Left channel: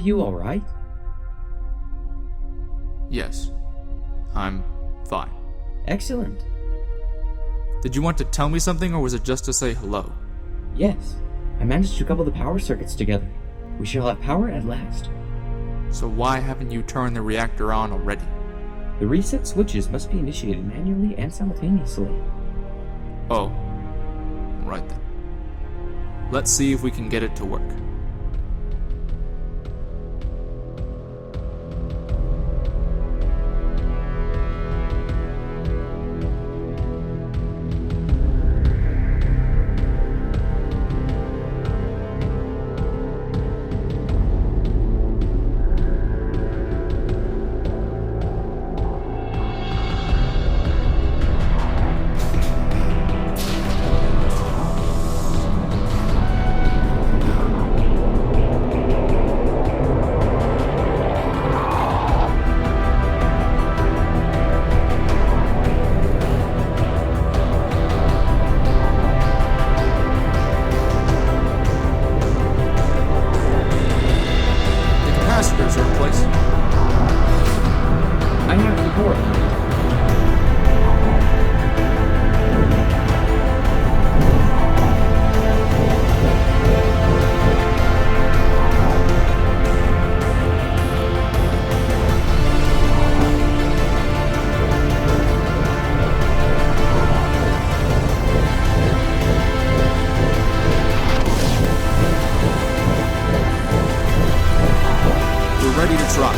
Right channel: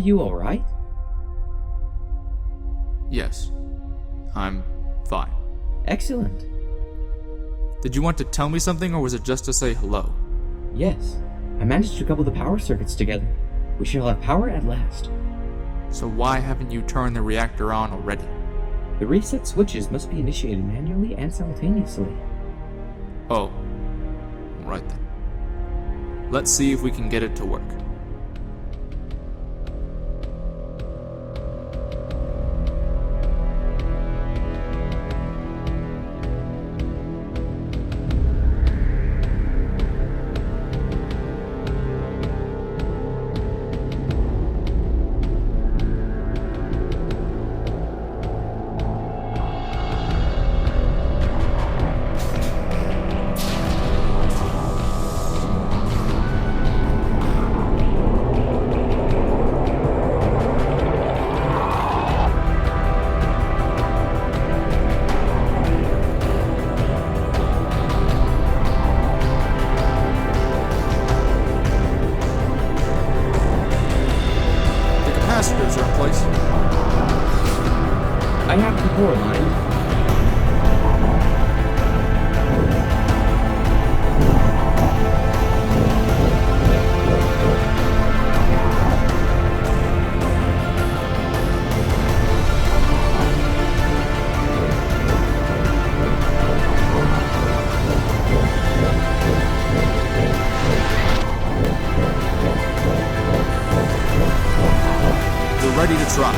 you alright? Yes, I'm fine. Excellent. Did you want to tell me something, or was it just to say hello? Yes, I managed to couple the power circuits together. We shall have power at last. So why haven't you turned the reactor on already? The reset switches must be initiated manually and simultaneously. Oh, right then. Let's see if we can get it to work. Capacitors are in place. I have the core here. We're ready to try.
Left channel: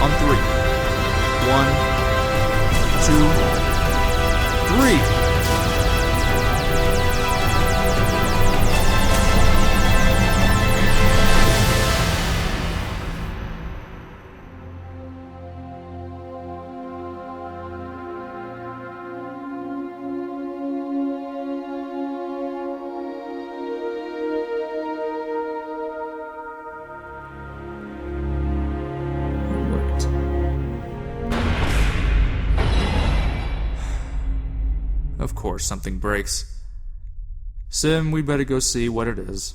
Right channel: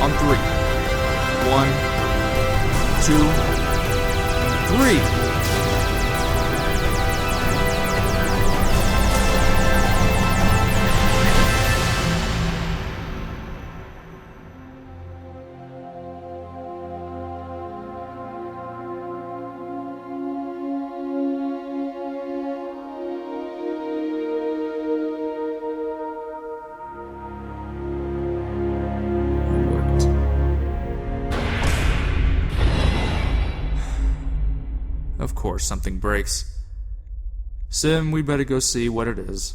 On 3. 1, 2, 3. Of course, something breaks. Sim, we better go see what it is.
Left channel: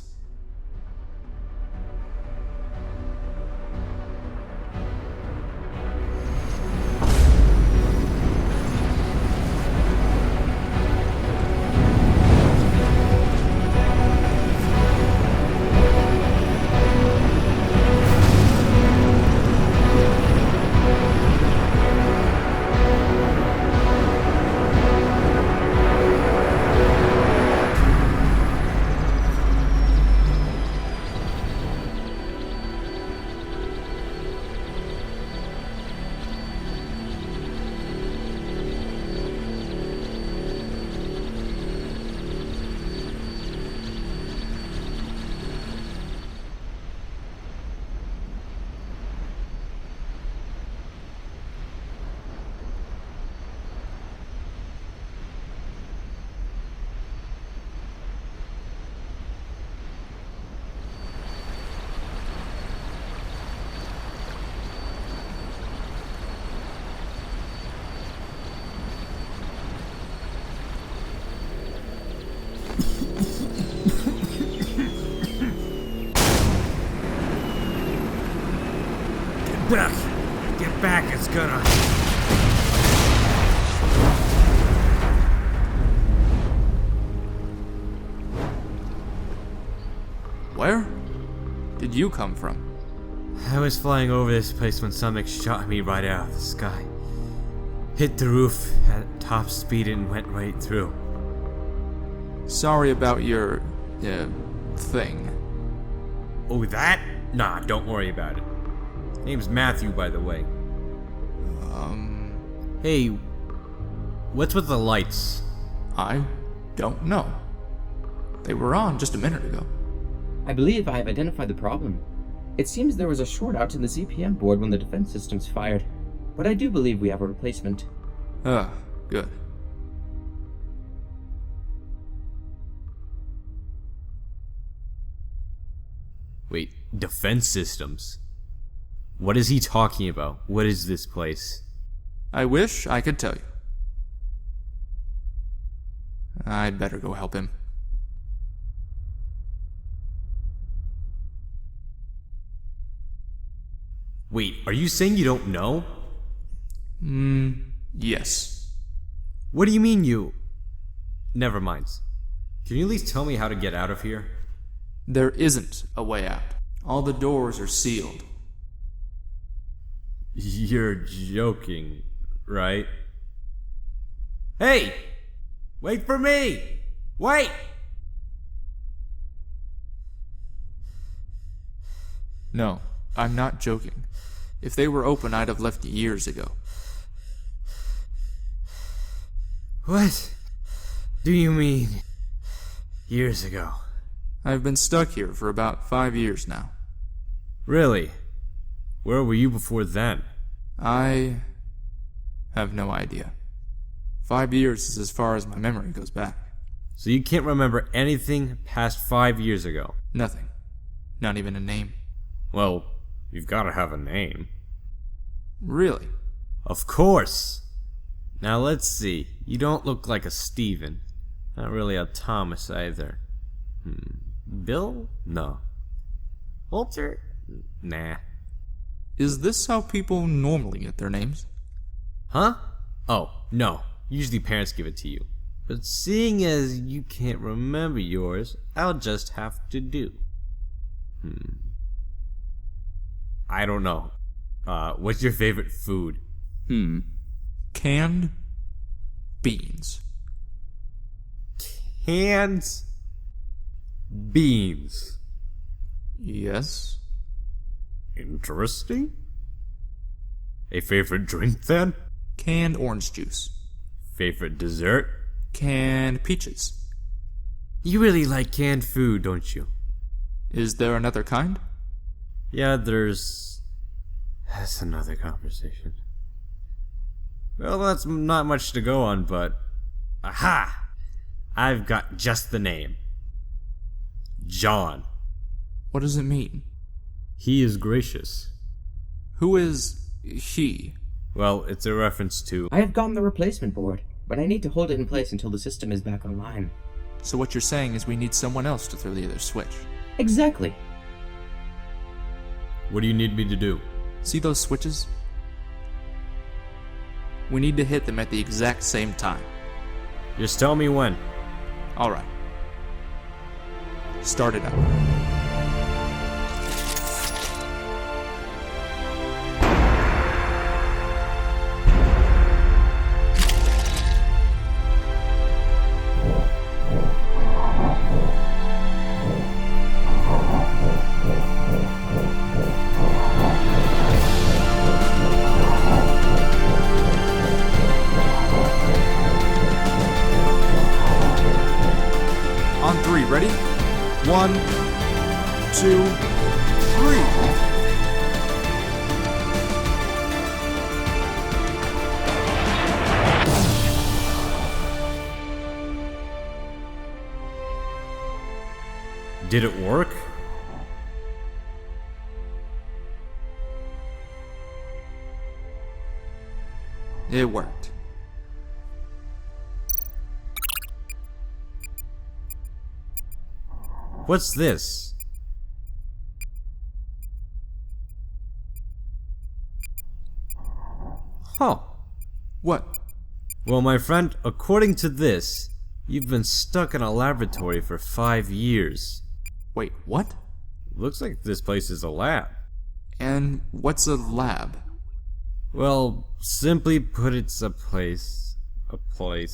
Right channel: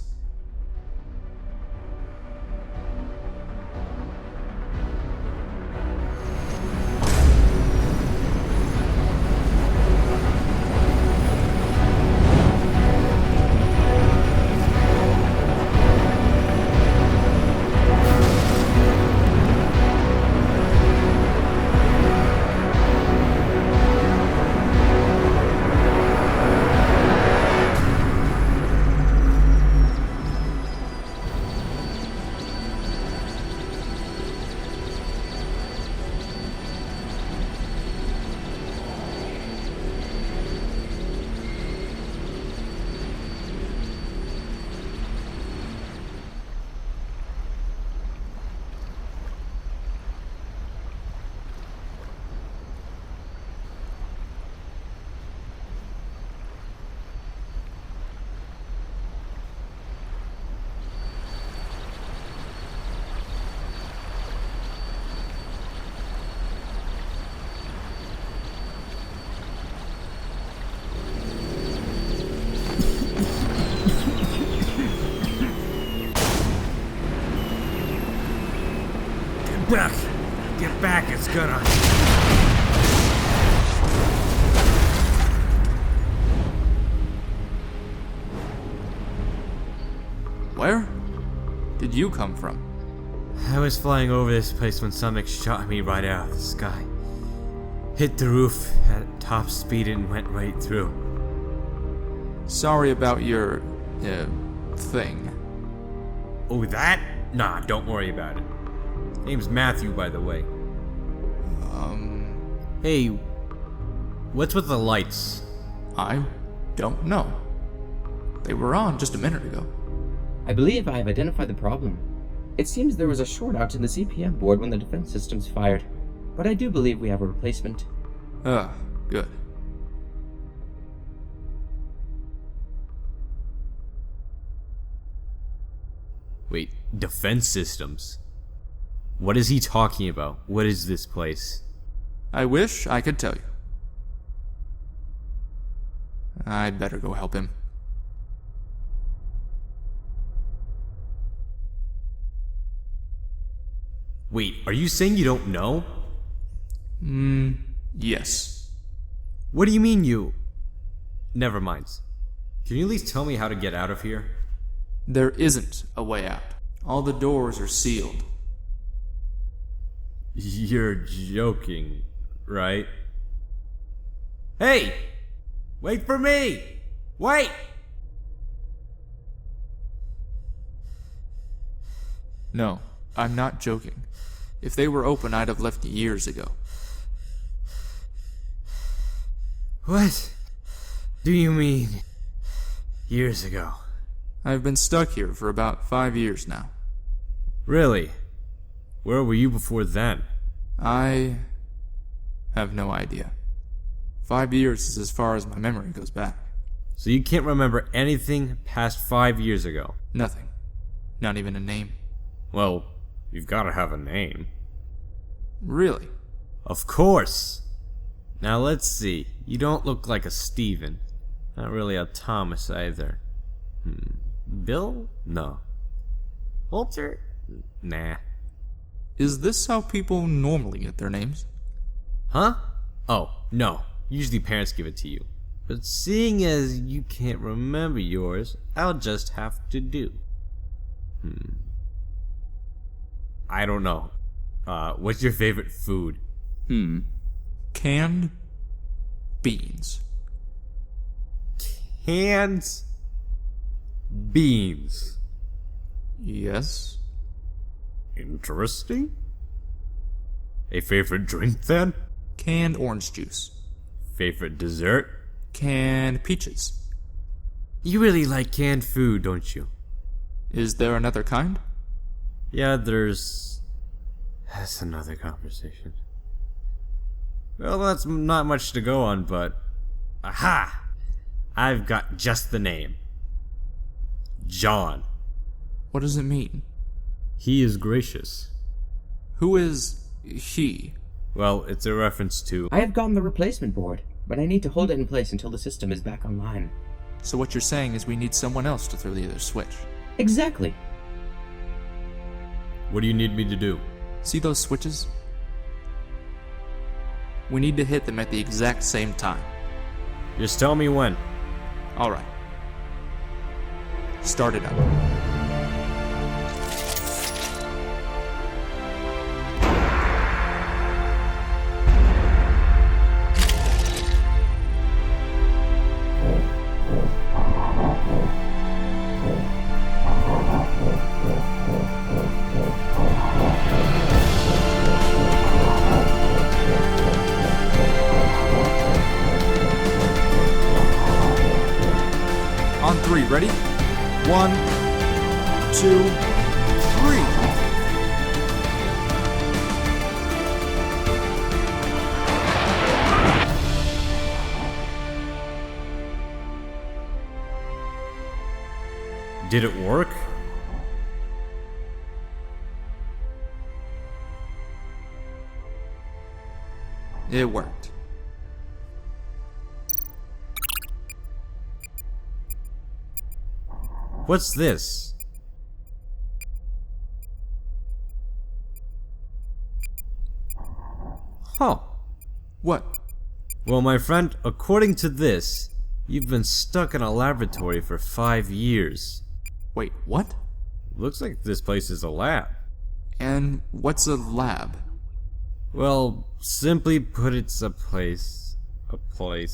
Get back, it's gonna... Where did you come from? I was flying over this place when something shot me right out of the sky. Hit the roof at top speed and went right through. Sorry about your, thing. Oh, that? Nah, don't worry about it. Name's Matthew, by the way. Hey, what's with the lights? I don't know. They were on just a minute ago. I believe I have identified the problem. It seems there was a short out in the CPM board when the defense systems fired, but I do believe we have a replacement. Good. Wait, defense systems? What is he talking about? What is this place? I wish I could tell you. I'd better go help him. Wait, are you saying you don't know? Yes. What do you mean you... Never mind. Can you at least tell me how to get out of here? There isn't a way out. All the doors are sealed. You're joking, right? Hey! Wait for me! Wait! No, I'm not joking. If they were open, I'd have left years ago. What do you mean, years ago? I've been stuck here for about 5 years now. Really? Where were you before then? I have no idea. 5 years is as far as my memory goes back. So you can't remember anything past 5 years ago? Nothing. Not even a name. Well, you've gotta have a name. Really? Of course! Now let's see. You don't look like a Steven. Not really a Thomas either. Bill? No. Walter? Nah. Is this how people normally get their names? Huh? Oh, no. Usually parents give it to you. But seeing as you can't remember yours, I'll just have to do. I don't know. What's your favorite food? Canned beans. Canned beans. Yes. Interesting. A favorite drink then? Canned orange juice. Favorite dessert? Canned peaches. You really like canned food, don't you? Is there another kind? Yeah, there's... That's another conversation. Well, that's not much to go on, but... Aha! I've got just the name. John. What does it mean? He is gracious. Who is he? Well, it's a reference to... I have gotten the replacement board, but I need to hold it in place until the system is back online. So what you're saying is we need someone else to throw the other switch. Exactly. What do you need me to do? See those switches? We need to hit them at the exact same time. Just tell me when. Alright. Start it up. On 3, ready? 1, 2, 3. Did it work? It worked. What's this? Huh. What? Well, my friend, according to this, you've been stuck in a laboratory for 5 years. Wait, what? Looks like this place is a lab. And what's a lab? Well, simply put, it's a place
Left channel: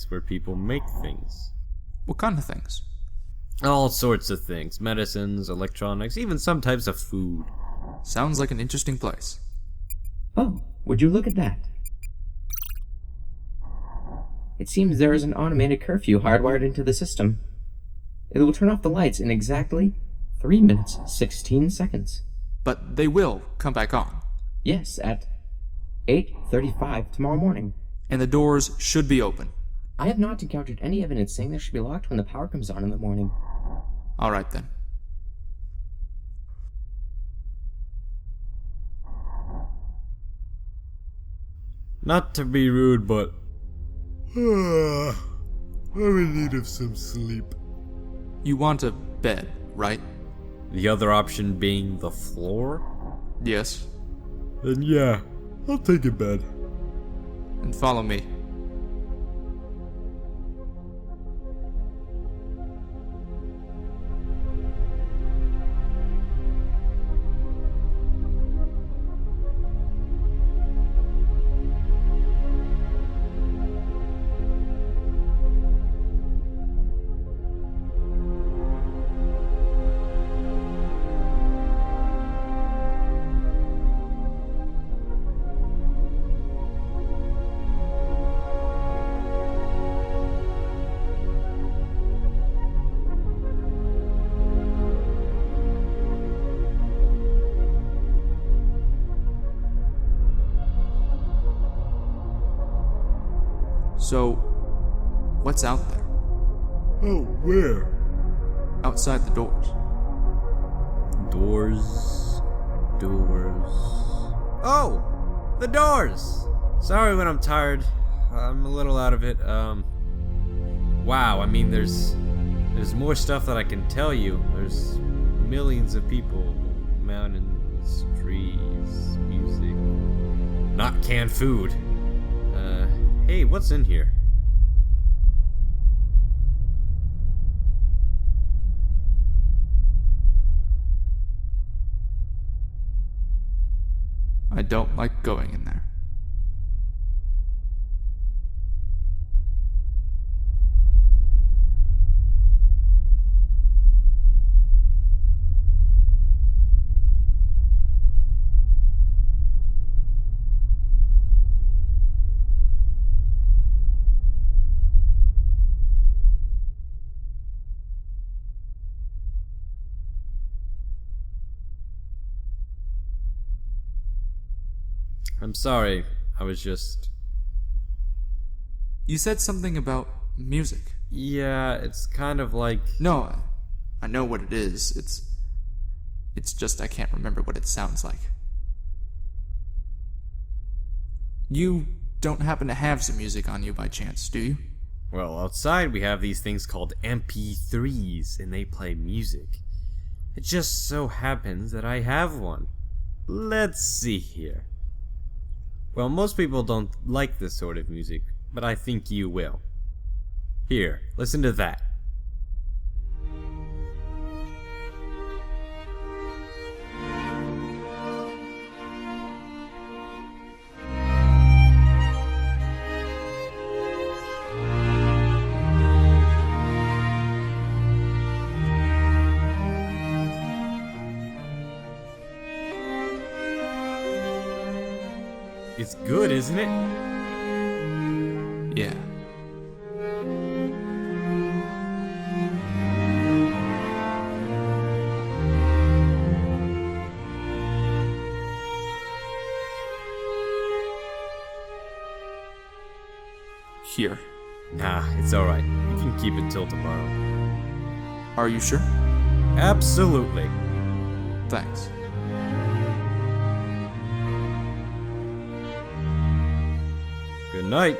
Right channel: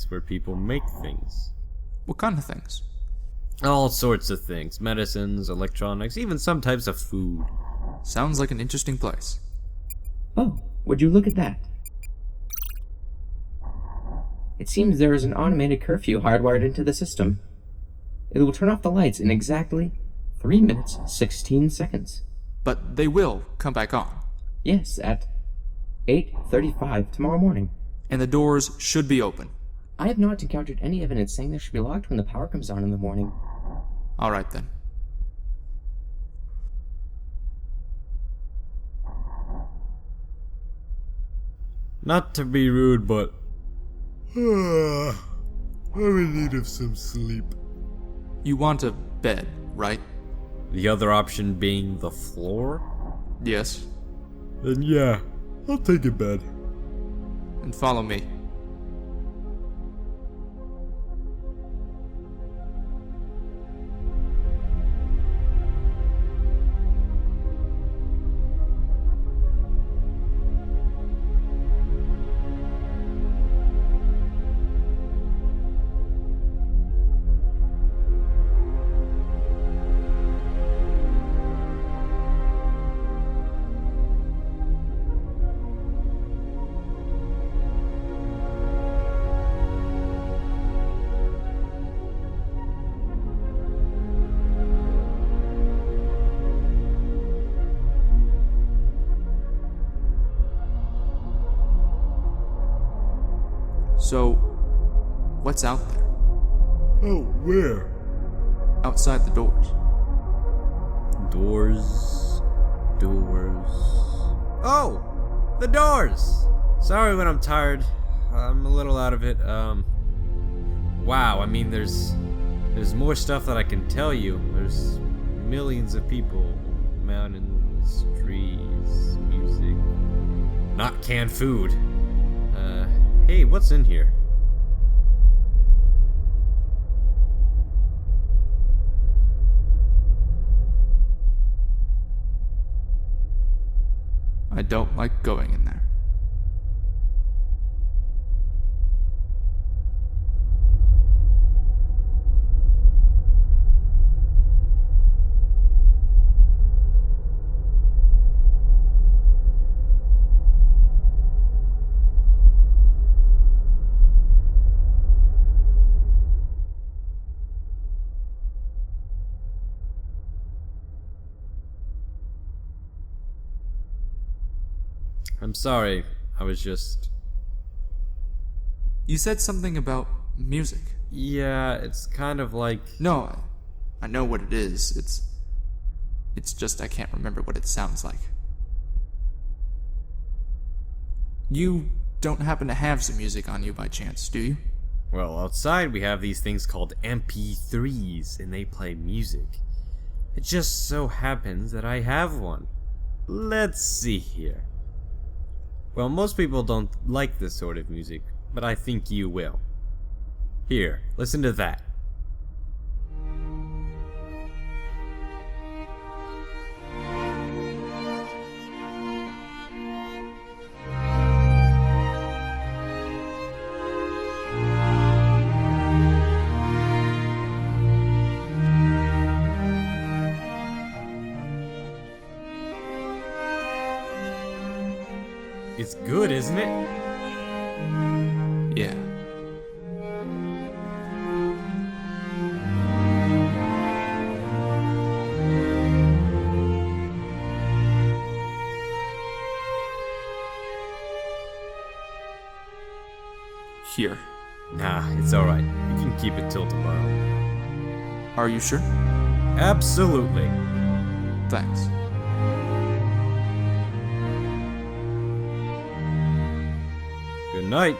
where people make things. What kind of things? All sorts of things. Medicines, electronics, even some types of food. Sounds like an interesting place. Oh, would you look at that? It seems there is an automated curfew hardwired into the system. It will turn off the lights in exactly 3 minutes, 16 seconds. But they will come back on. Yes, at 8:35 tomorrow morning. And the doors should be open. I have not encountered any evidence saying they should be locked when the power comes on in the morning. Alright then. Not to be rude, but... I'm in need of some sleep. You want a bed, right? The other option being the floor? Yes. Then yeah, I'll take a bed. And follow me. So, what's out there? Oh, where? Outside the doors. Doors. Oh! The doors! Sorry when I'm tired. I'm a little out of it. Wow, I mean, there's more stuff that I can tell you. There's millions of people, mountains, trees, music. Not canned food. Hey, what's in here? I don't like going in there. I'm sorry, I was just... You said something about music. Yeah, it's kind of like... No, I know what it is. It's just I can't remember what it sounds like. You don't happen to have some music on you by chance, do you? Well, outside we have these things called MP3s, and they play music. It just so happens that I have one. Let's see here. Well, most people don't like this sort of music, but I think you will. Here, listen to that. It's good, isn't it? Yeah. Here. Nah, it's alright. You can keep it till tomorrow. Are you sure? Absolutely. Thanks. Good night.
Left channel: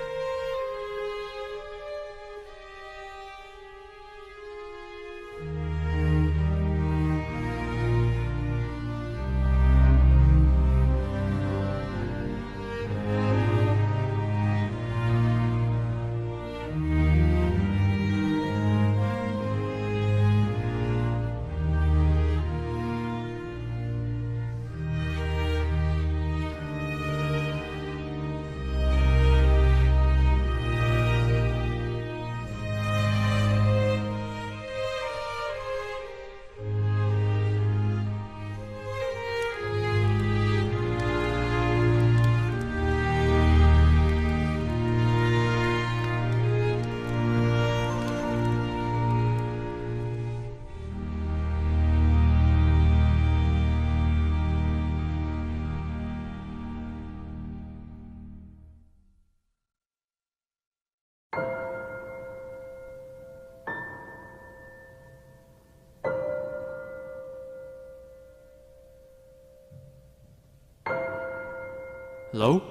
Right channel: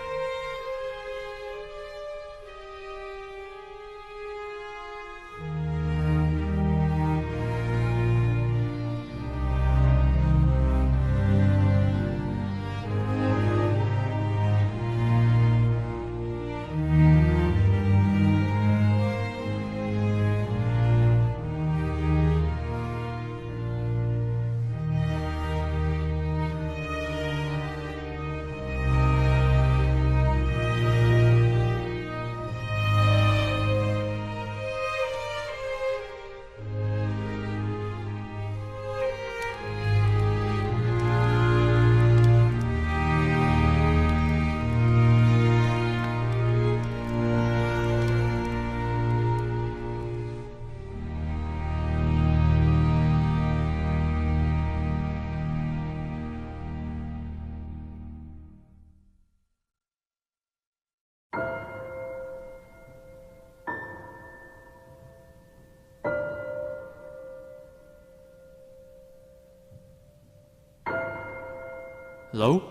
Hello?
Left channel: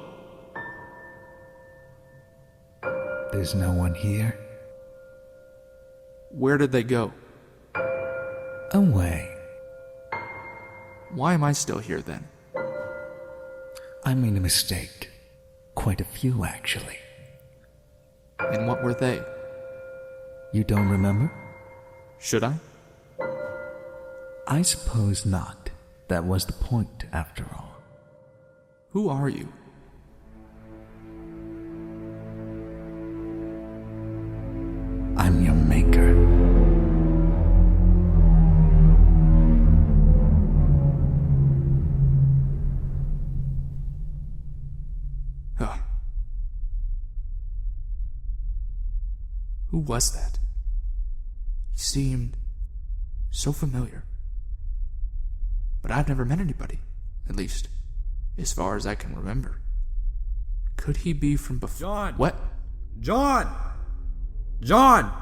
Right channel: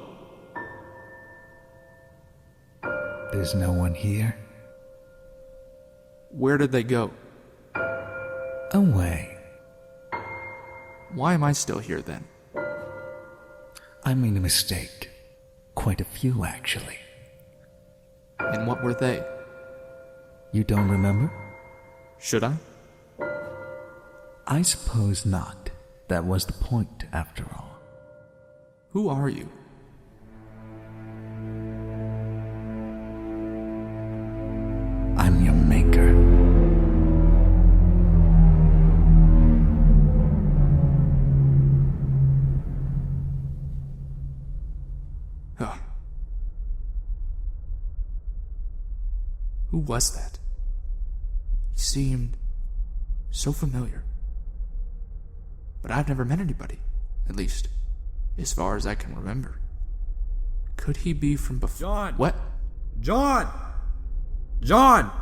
There's no one here? Where did they go? Away. Why am I still here then? I made a mistake. Quite a few, actually. And what were they? You don't remember? Should I? I suppose not. That was the point, after all. Who are you? I'm your maker. Huh. Who was that? He seemed so familiar. But I've never met anybody, at least, as far as I can remember. Could he be from before? John! What? John! John!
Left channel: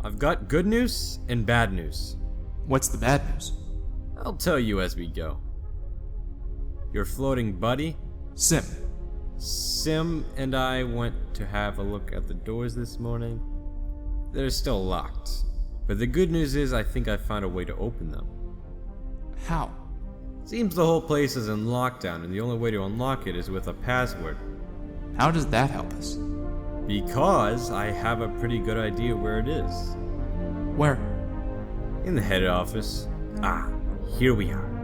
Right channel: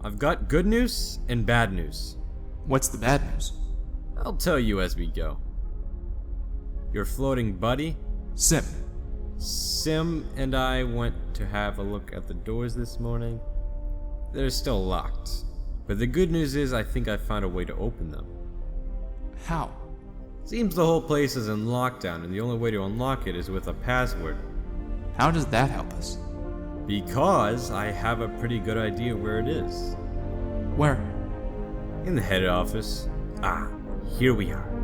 I've got good news and bad news. What's the bad news? I'll tell you as we go. Your floating buddy, Sim, and I went to have a look at the doors this morning. They're still locked. But the good news is I think I found a way to open them. How? Seems the whole place is in lockdown and the only way to unlock it is with a password. How does that help us? Because I have a pretty good idea where it is. Where? In the head office. Ah, here we are.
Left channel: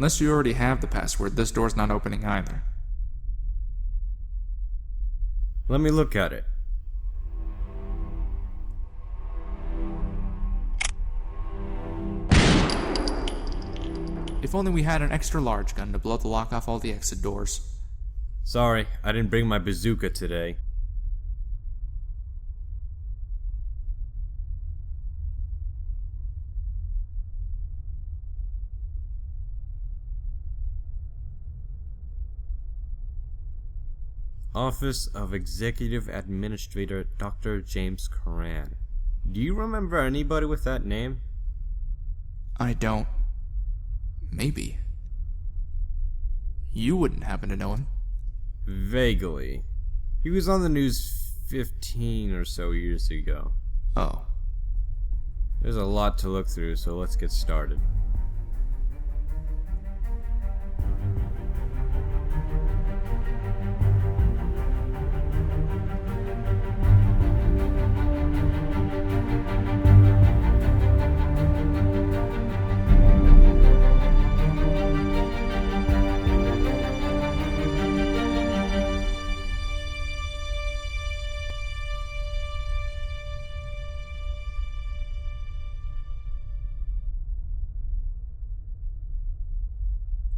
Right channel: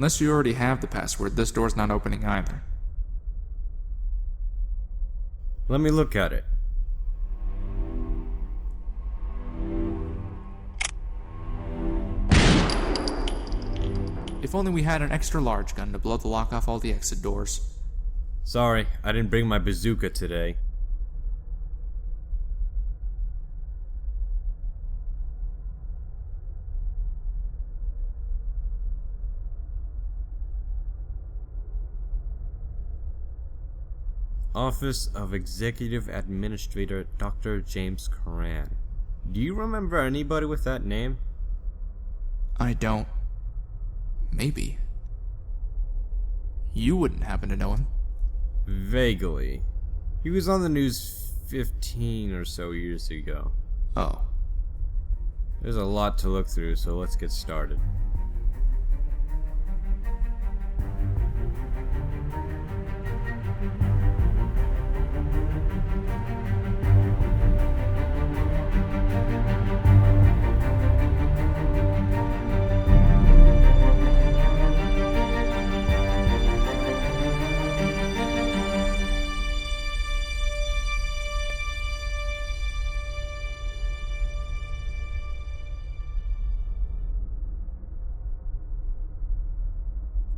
Unless you already have the password, this door's not opening either. Let me look at it. If only we had an extra large gun to blow the lock off all the exit doors. Sorry, I didn't bring my bazooka today. Office of Executive Administrator Dr. James Coran. Do you remember anybody with that name? I don't. Maybe. You wouldn't happen to know him. Vaguely. He was on the news 15 or so years ago. Oh. There's a lot to look through, so let's get started.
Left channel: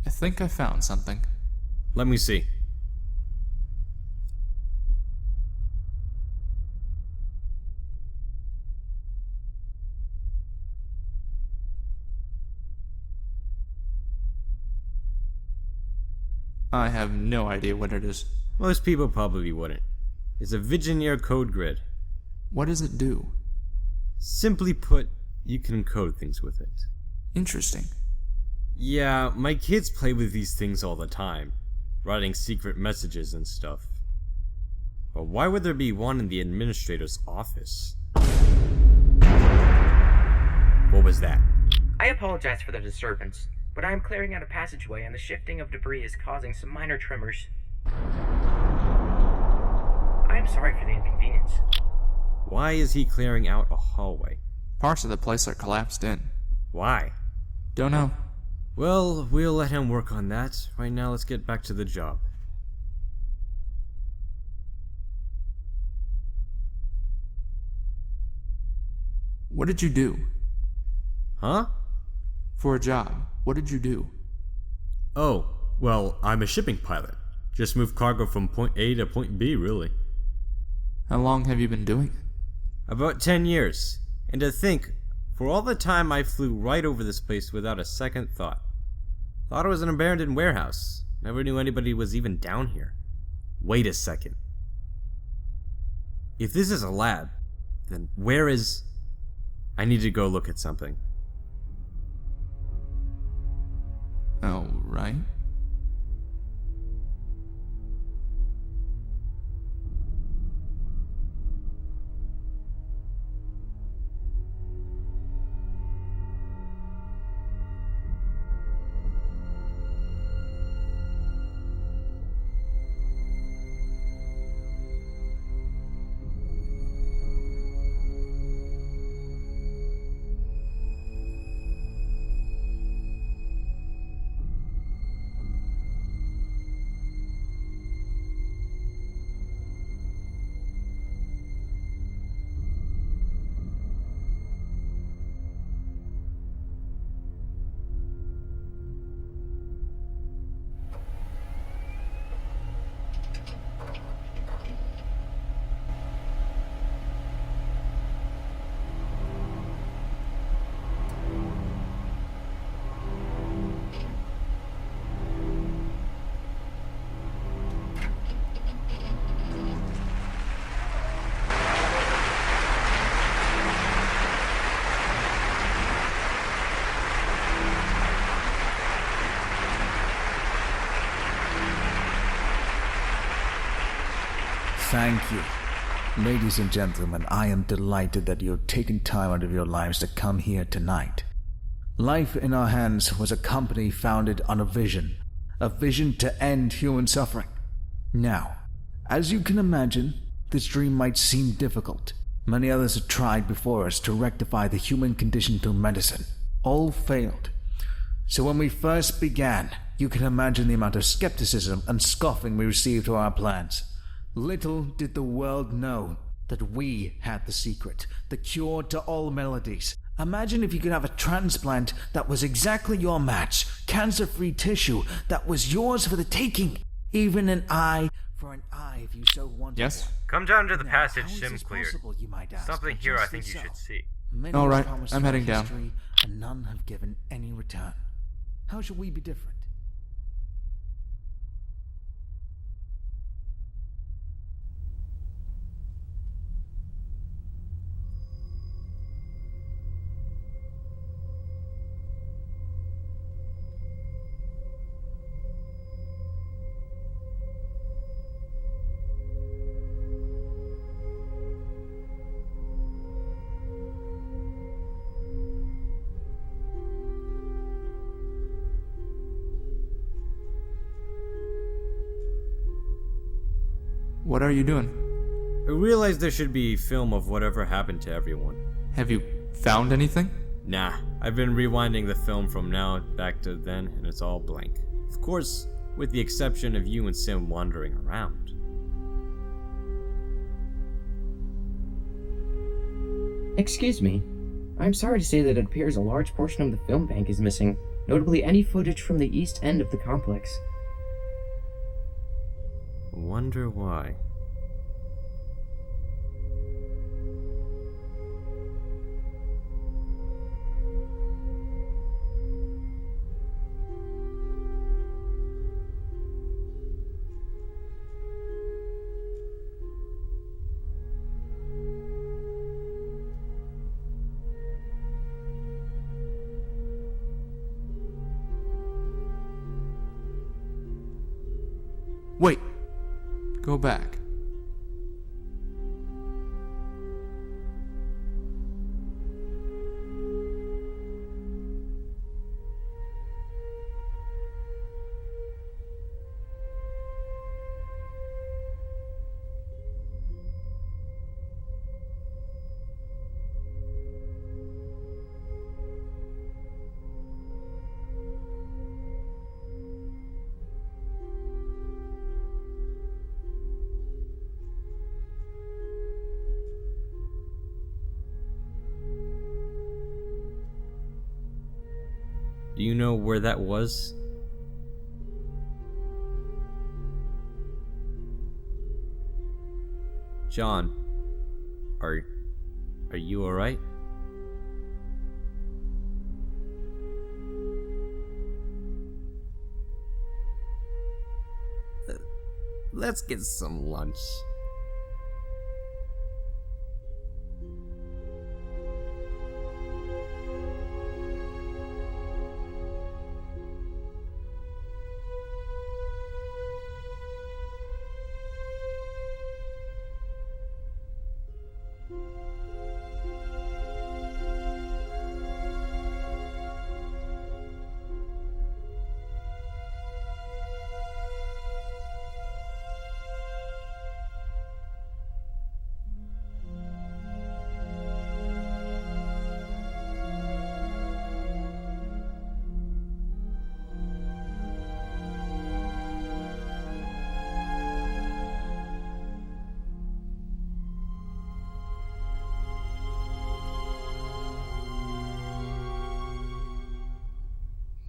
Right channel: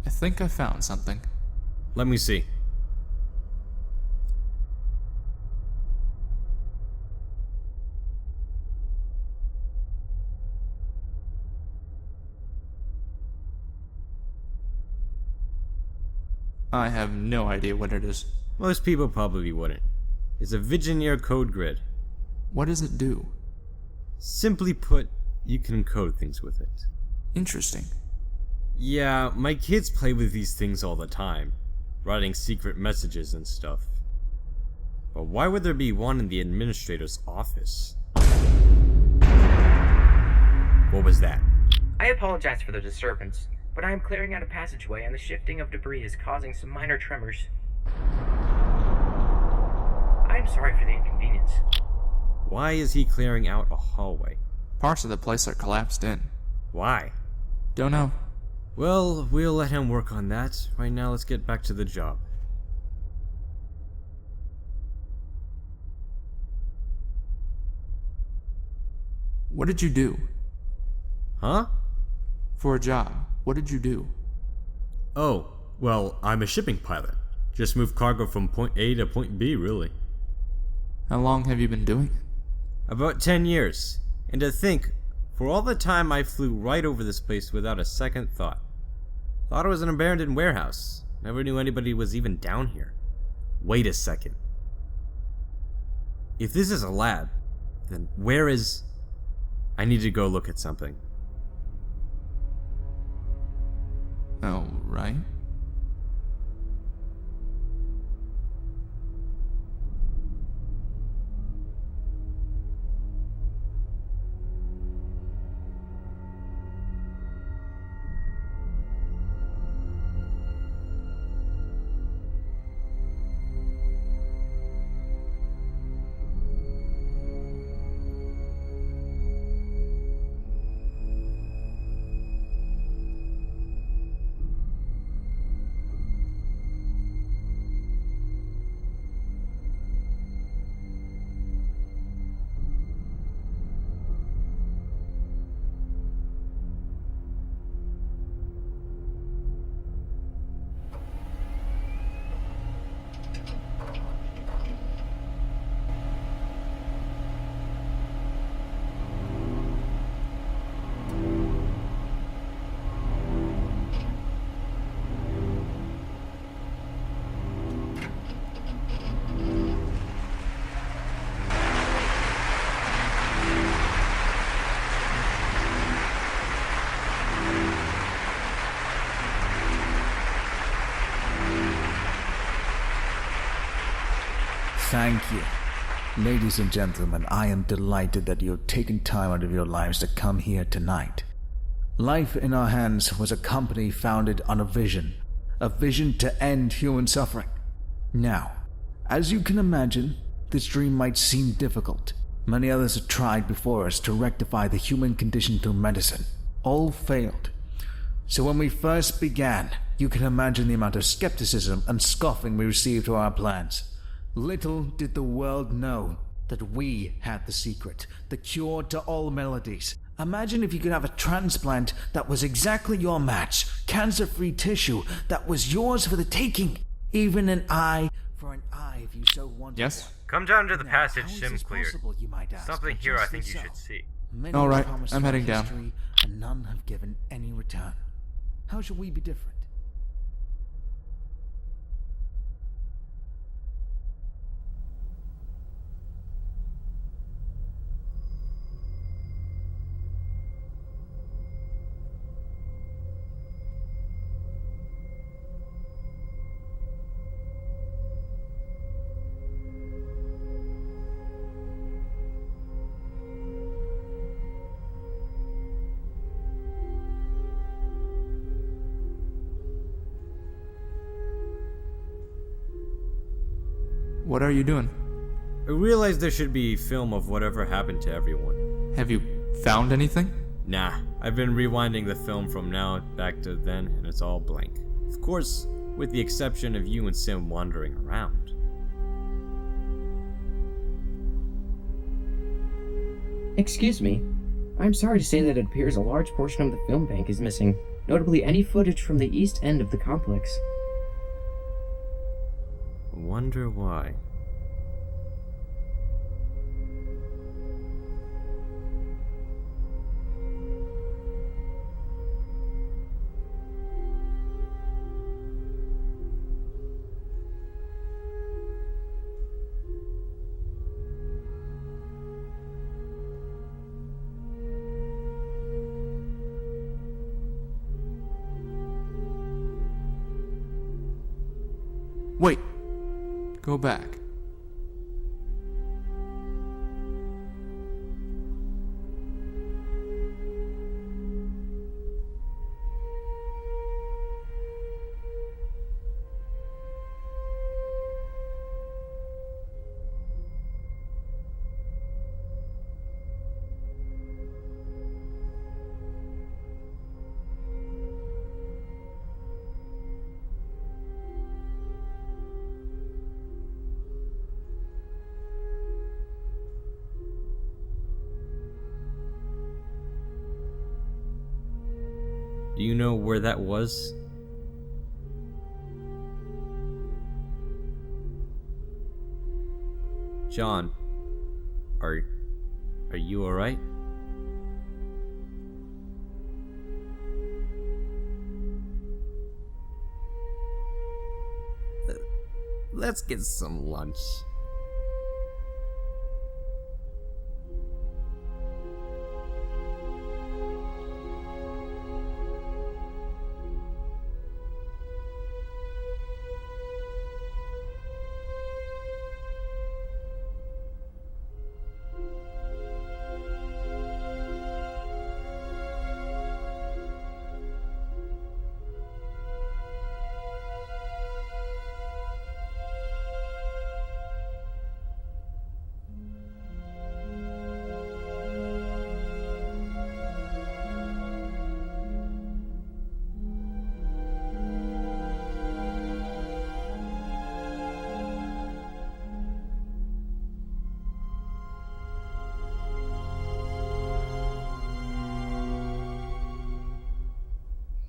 I think I found something. Let me see. I have no idea what it is. Most people probably wouldn't. It's a Vigineer code grid. What does it do? Simply put, you can code things with it. Interesting. Yeah, my kids play with these things all the time, writing secret messages and stuff. But why would there be one in the administrator's office? What was that? I apologize for the disturbance, but I am clearing out a passageway and the shifting of debris is causing some minor tremors. I am sorry for the inconvenience. Why is he clearing out a hallway? Parts of the place are collapsed in. Why? Don't know. Well, we'll let him work on that. Right now, let's get back to the job. What did you do? Huh? For a job, what did you do? Oh, well, I'm a shipping pilot. Just move cargo from point A to point B, really. How long have you been doing it? About 10 years. And to think, for all the time I flew right over this place without a second thought. Thought it was an abandoned warehouse. Never knew anybody was even down here. Wait a second. If this is a lab, then where is... I need to go look at something. Oh, right. Thank you. Ladies and gentlemen, I am delighted that you have taken time out of your lives to come here tonight. Life in Our Hands was a company founded on a vision to end human suffering. Now, as you can imagine, this dream might seem difficult. Many others have tried before us to rectify the human condition through medicine. All failed. So when we first began, you can imagine the amount of skepticism and scoffing we received to our plans. Little did the world know that we had the secret, the cure to all maladies. Imagine if you could have a transplant that was exactly your match, cancer-free tissue that was yours for the taking, even an eye for an eye if you so wanted. Yes? Come down to the Now, passage how is Sim this cleared. possible, you might ask, Something but here I justly think you so. should see. Many All have right, promised I'm our heading down. history, and none have given any return. How should we be different? What are you doing? I realized there should be film of whatever happened to everyone. Have you found anything? Nah, I've been rewinding the film from now back to then, and it's all blank. Of course, with the exception of you and Sim wandering around. Excuse me. I'm sorry to say that it appears a large portion of the film bank is missing, notably any footage from the east end of the complex. Wonder why. Wait. Go back. Do you know where that was? John, are you alright? Let's get some lunch.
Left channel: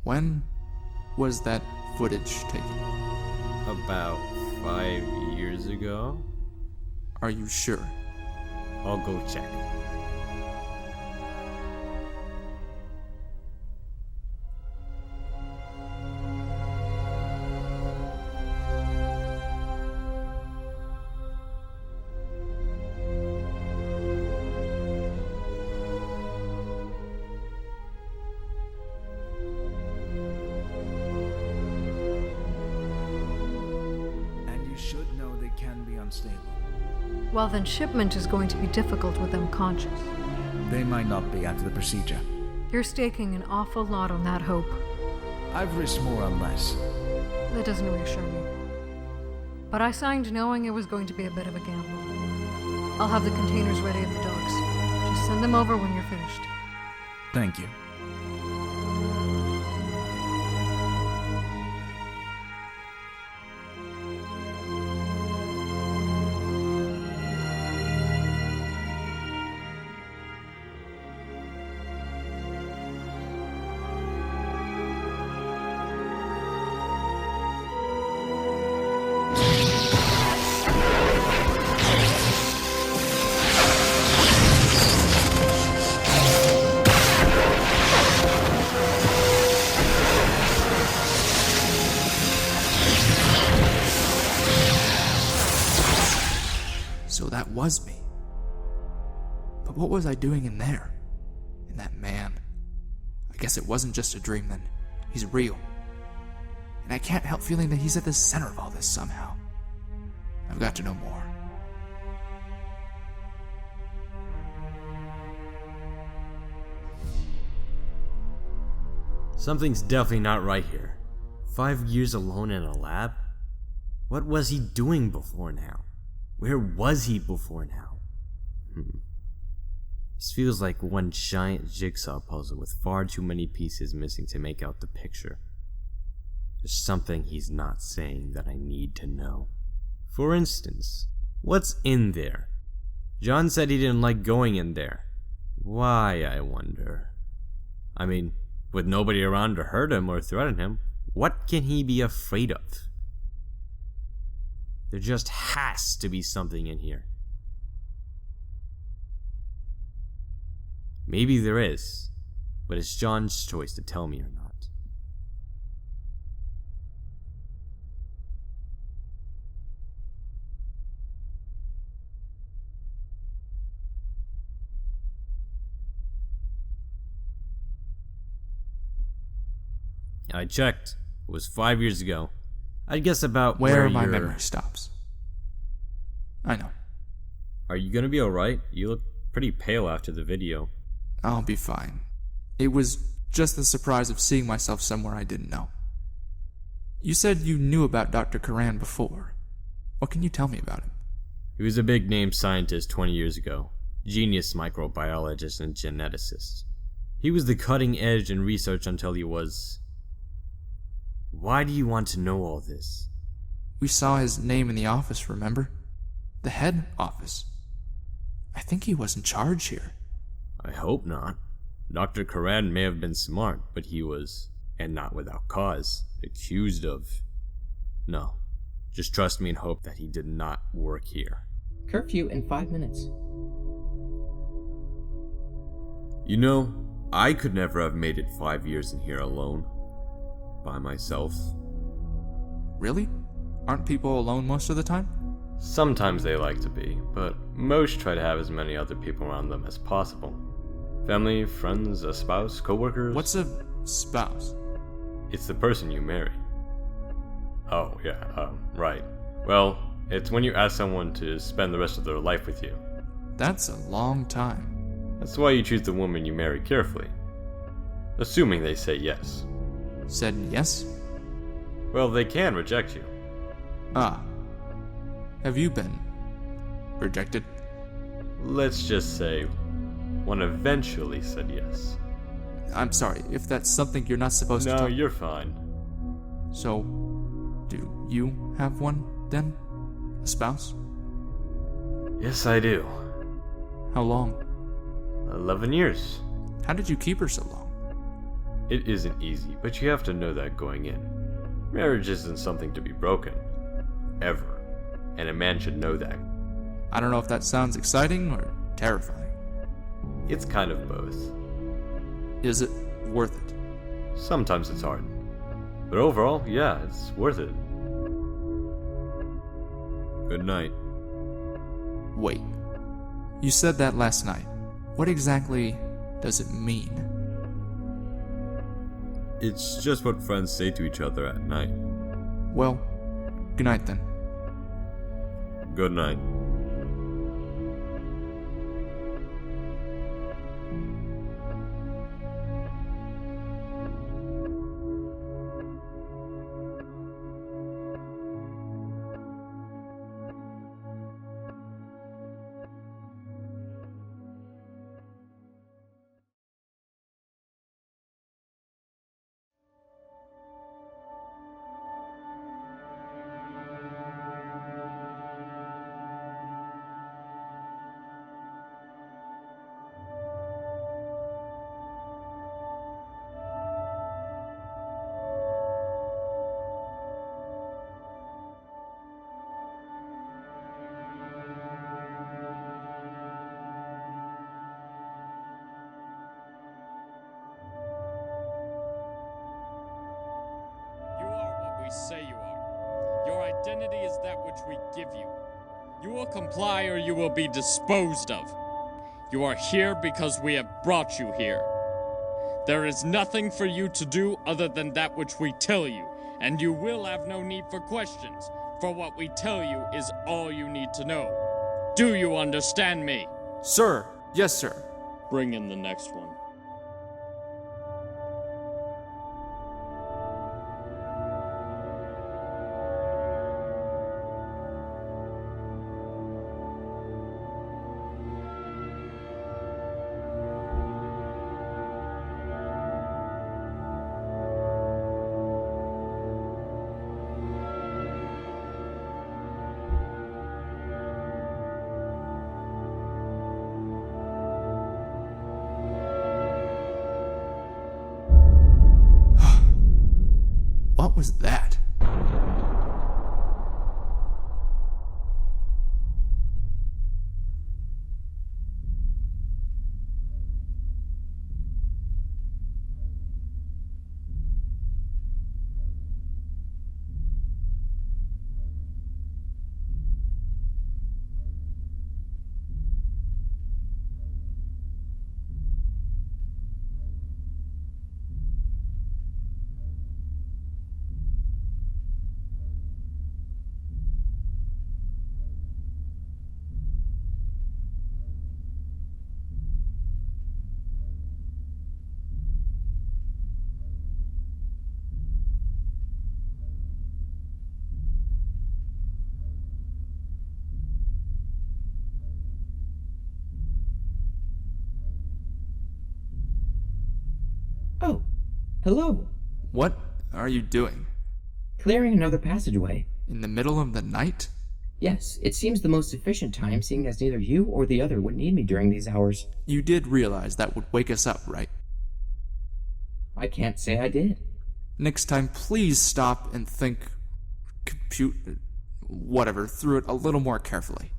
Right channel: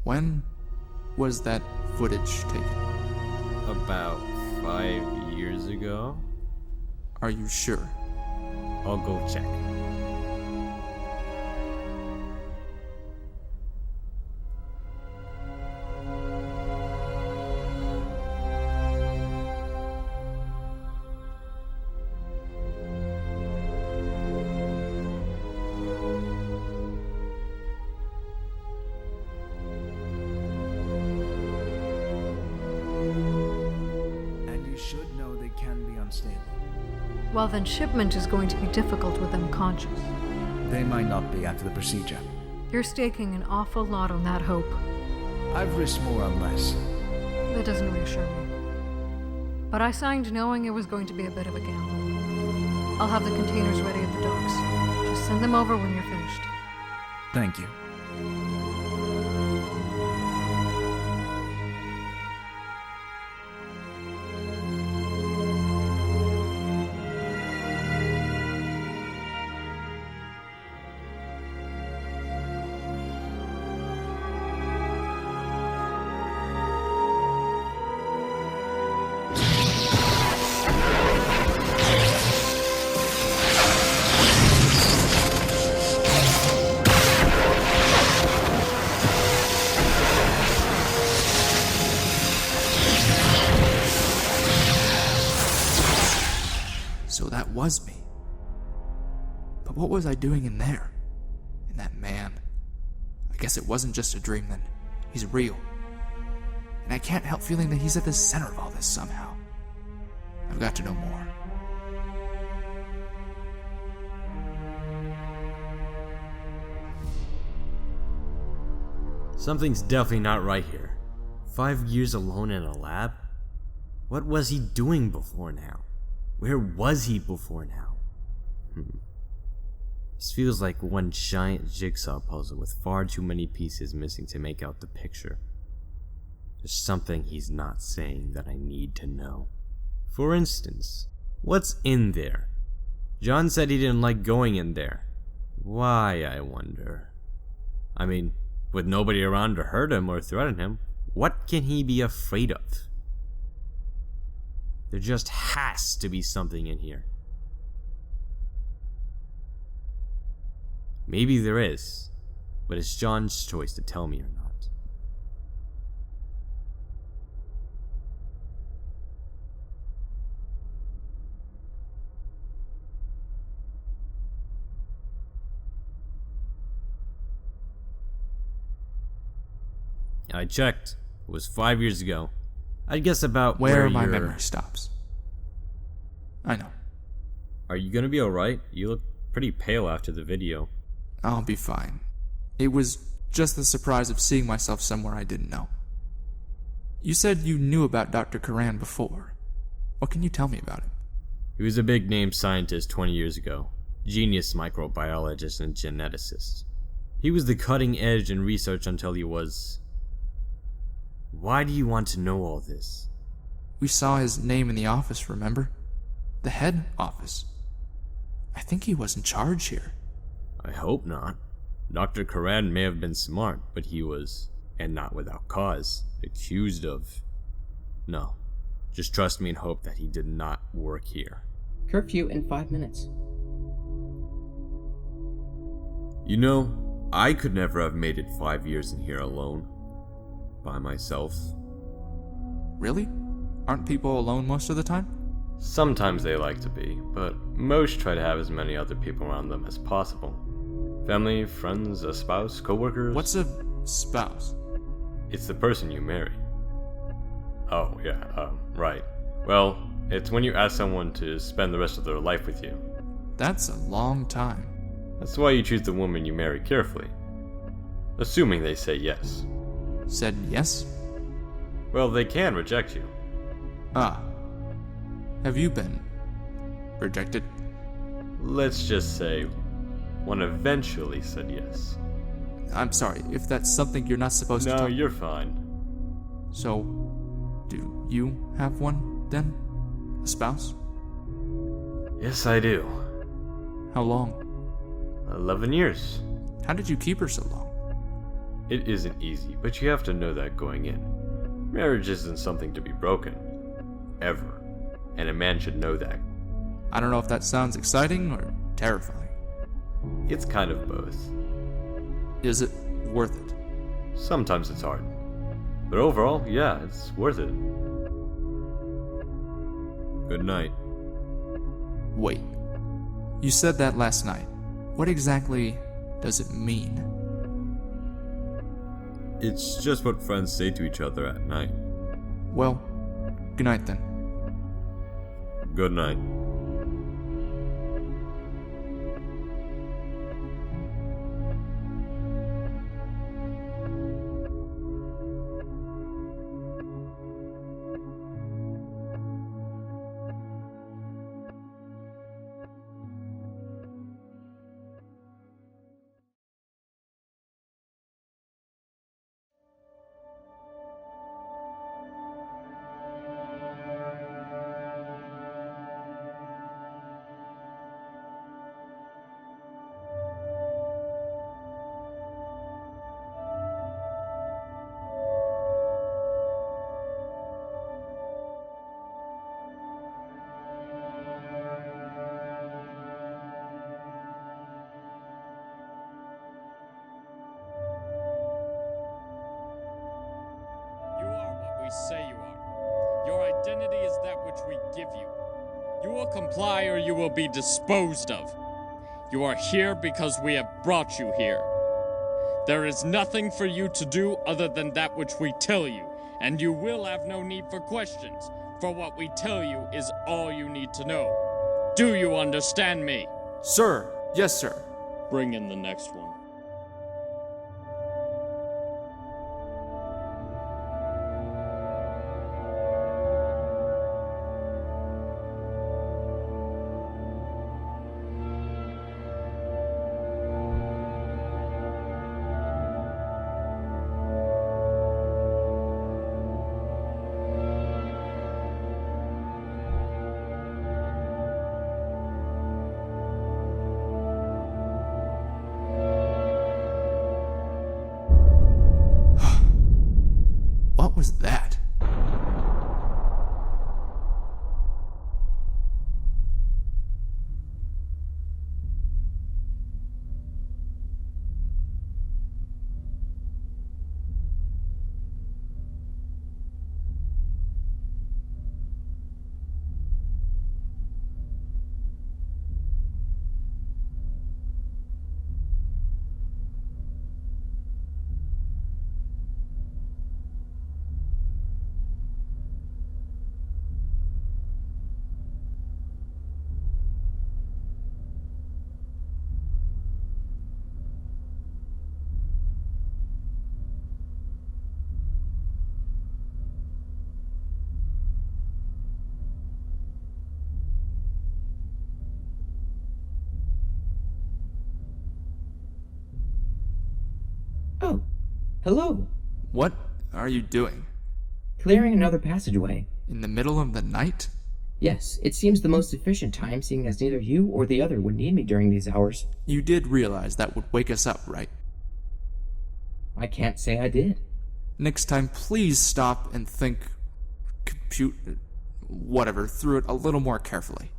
When was that footage taken? About 5 years ago? Are you sure? I'll go check. And you should know they can be unstable. Well, then shipment is going to be difficult with them conscious. They might not be after the procedure. You're staking an awful lot on that hope. I've risked more on less. That doesn't reassure me. But I signed knowing it was going to be a bit of a gamble. I'll have the containers ready at the docks. Just send them over when you're finished. Thank you. So that was me. But what was I doing in there? In that man? I guess it wasn't just a dream then. He's real. And I can't help feeling that he's at the center of all this somehow. I've got to know more. Something's definitely not right here. 5 years alone in a lab? What was he doing before now? Where was he before now? This feels like one giant jigsaw puzzle with far too many pieces missing to make out the picture. There's something he's not saying that I need to know. For instance, what's in there? John said he didn't like going in there. Why, I wonder? I mean, with nobody around to hurt him or threaten him, what can he be afraid of? There just has to be something in here. Maybe there is, but it's John's choice to tell me or not. I checked. It was 5 years ago. I'd guess about Where where my you're... memory stops. I know. Are you gonna be alright? You look pretty pale after the video. I'll be fine. It was just the surprise of seeing myself somewhere I didn't know. You said you knew about Dr. Karan before. What can you tell me about him? He was a big-name scientist 20 years ago. Genius microbiologist and geneticist. He was the cutting edge in research until he was... Why do you want to know all this? We saw his name in the office, remember? The head office. I think he was in charge here. I hope not. Dr. Karan may have been smart, but he was And not without cause. Accused of... No. Just trust me and hope that he did not work here. Curfew in 5 minutes. You know, I could never have made it 5 years in here alone. By myself. Really? Aren't people alone most of the time? Sometimes they like to be, but most try to have as many other people around them as possible. Family, friends, a spouse, coworkers. What's a spouse? It's the person you marry. Oh, yeah, right. Well, it's when you ask someone to spend the rest of their life with you. That's a long time. That's why you choose the woman you marry carefully. Assuming they say yes. Said yes? Well, they can reject you. Ah. Have you been rejected? Let's just say one eventually said yes. I'm sorry, if that's something you're not supposed to No, talk... you're fine. So, do you have one, then? A spouse? Yes, I do. How long? 11 years. How did you keep her so long? It isn't easy, but you have to know that going in. Marriage isn't something to be broken. Ever. And a man should know that. I don't know if that sounds exciting or terrifying. It's kind of both. Is it worth it? Sometimes it's hard. But overall, yeah, it's worth it. Good night. Wait. You said that last night. What exactly does it mean? It's just what friends say to each other at night. Well, good night then. Good night. You are what we say you are. Your identity is that which we give you. You will comply or you will be disposed of. You are here because we have brought you here. There is nothing for you to do other than that which we tell you, and you will have no need for questions, for what we tell you is all you need to know. Do you understand me? Sir! Yes, sir. Bring in the next one. What was that? Oh, hello. What are you doing? Clearing another passageway. In the middle of the night? Yes, it seems the most efficient time, seeing as neither you or the other would need me during these hours. You did realize that would wake us up, right? I can't say I did. Next time, please stop and think, through it a little more carefully.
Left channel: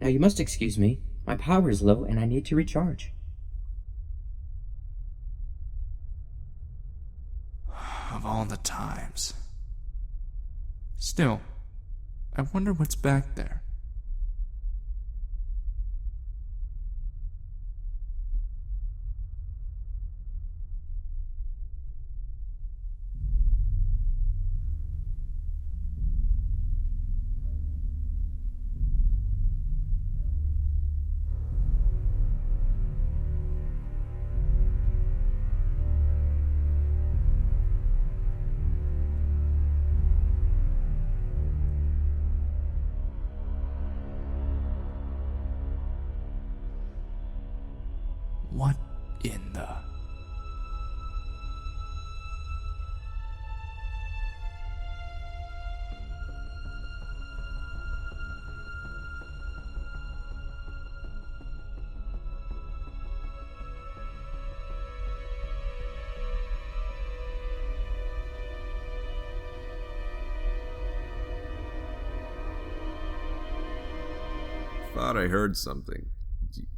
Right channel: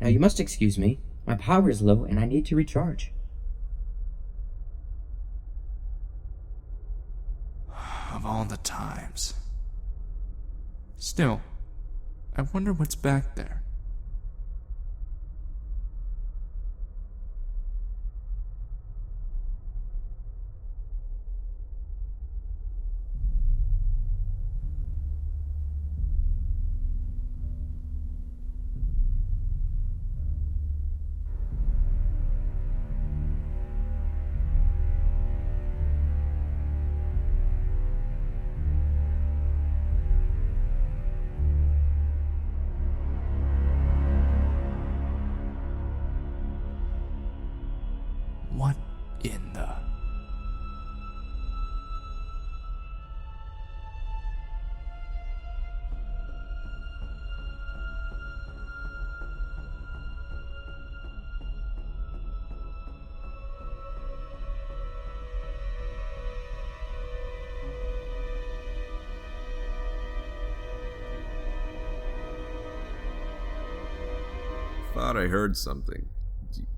Now you must excuse me. My power is low and I need to recharge. Of all the times. Still, I wonder what's back there. What in the... Thought I heard something.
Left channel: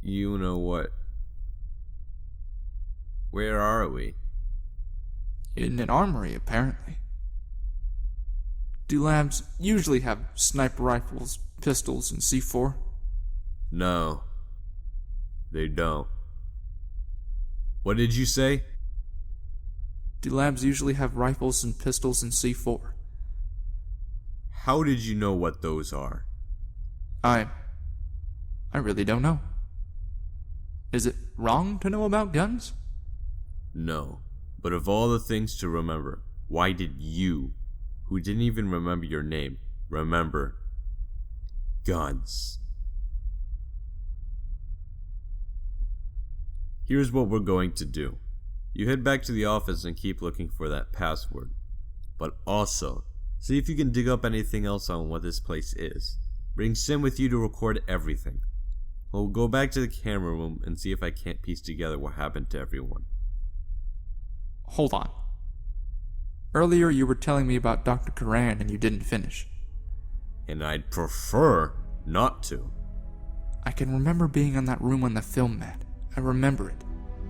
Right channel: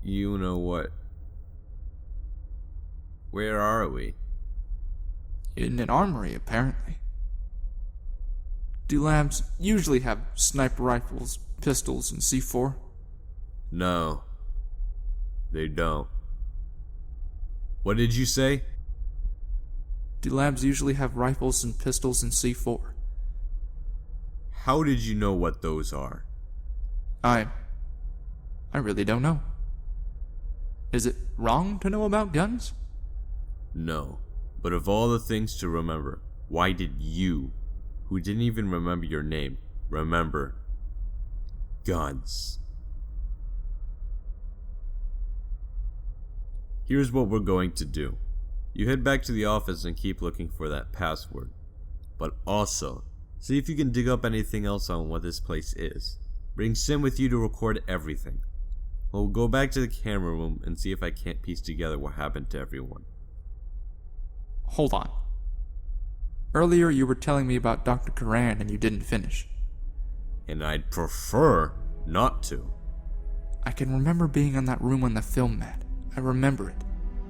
You know what? Where are we? In an armory, apparently. Do labs usually have sniper rifles, pistols, and C4? No. They don't. What did you say? Do labs usually have rifles and pistols and C4? How did you know what those are? I really don't know. Is it wrong to know about guns? No. But of all the things to remember, why did you, who didn't even remember your name, remember guns? Here's what we're going to do. You head back to the office and keep looking for that password. But also, see if you can dig up anything else on what this place is. Bring Sim with you to record everything. We'll go back to the camera room and see if I can't piece together what happened to everyone. Hold on. Earlier you were telling me about Dr. Karan and you didn't finish. And I'd prefer not to. I can remember being in that room on the film mat. I remember it.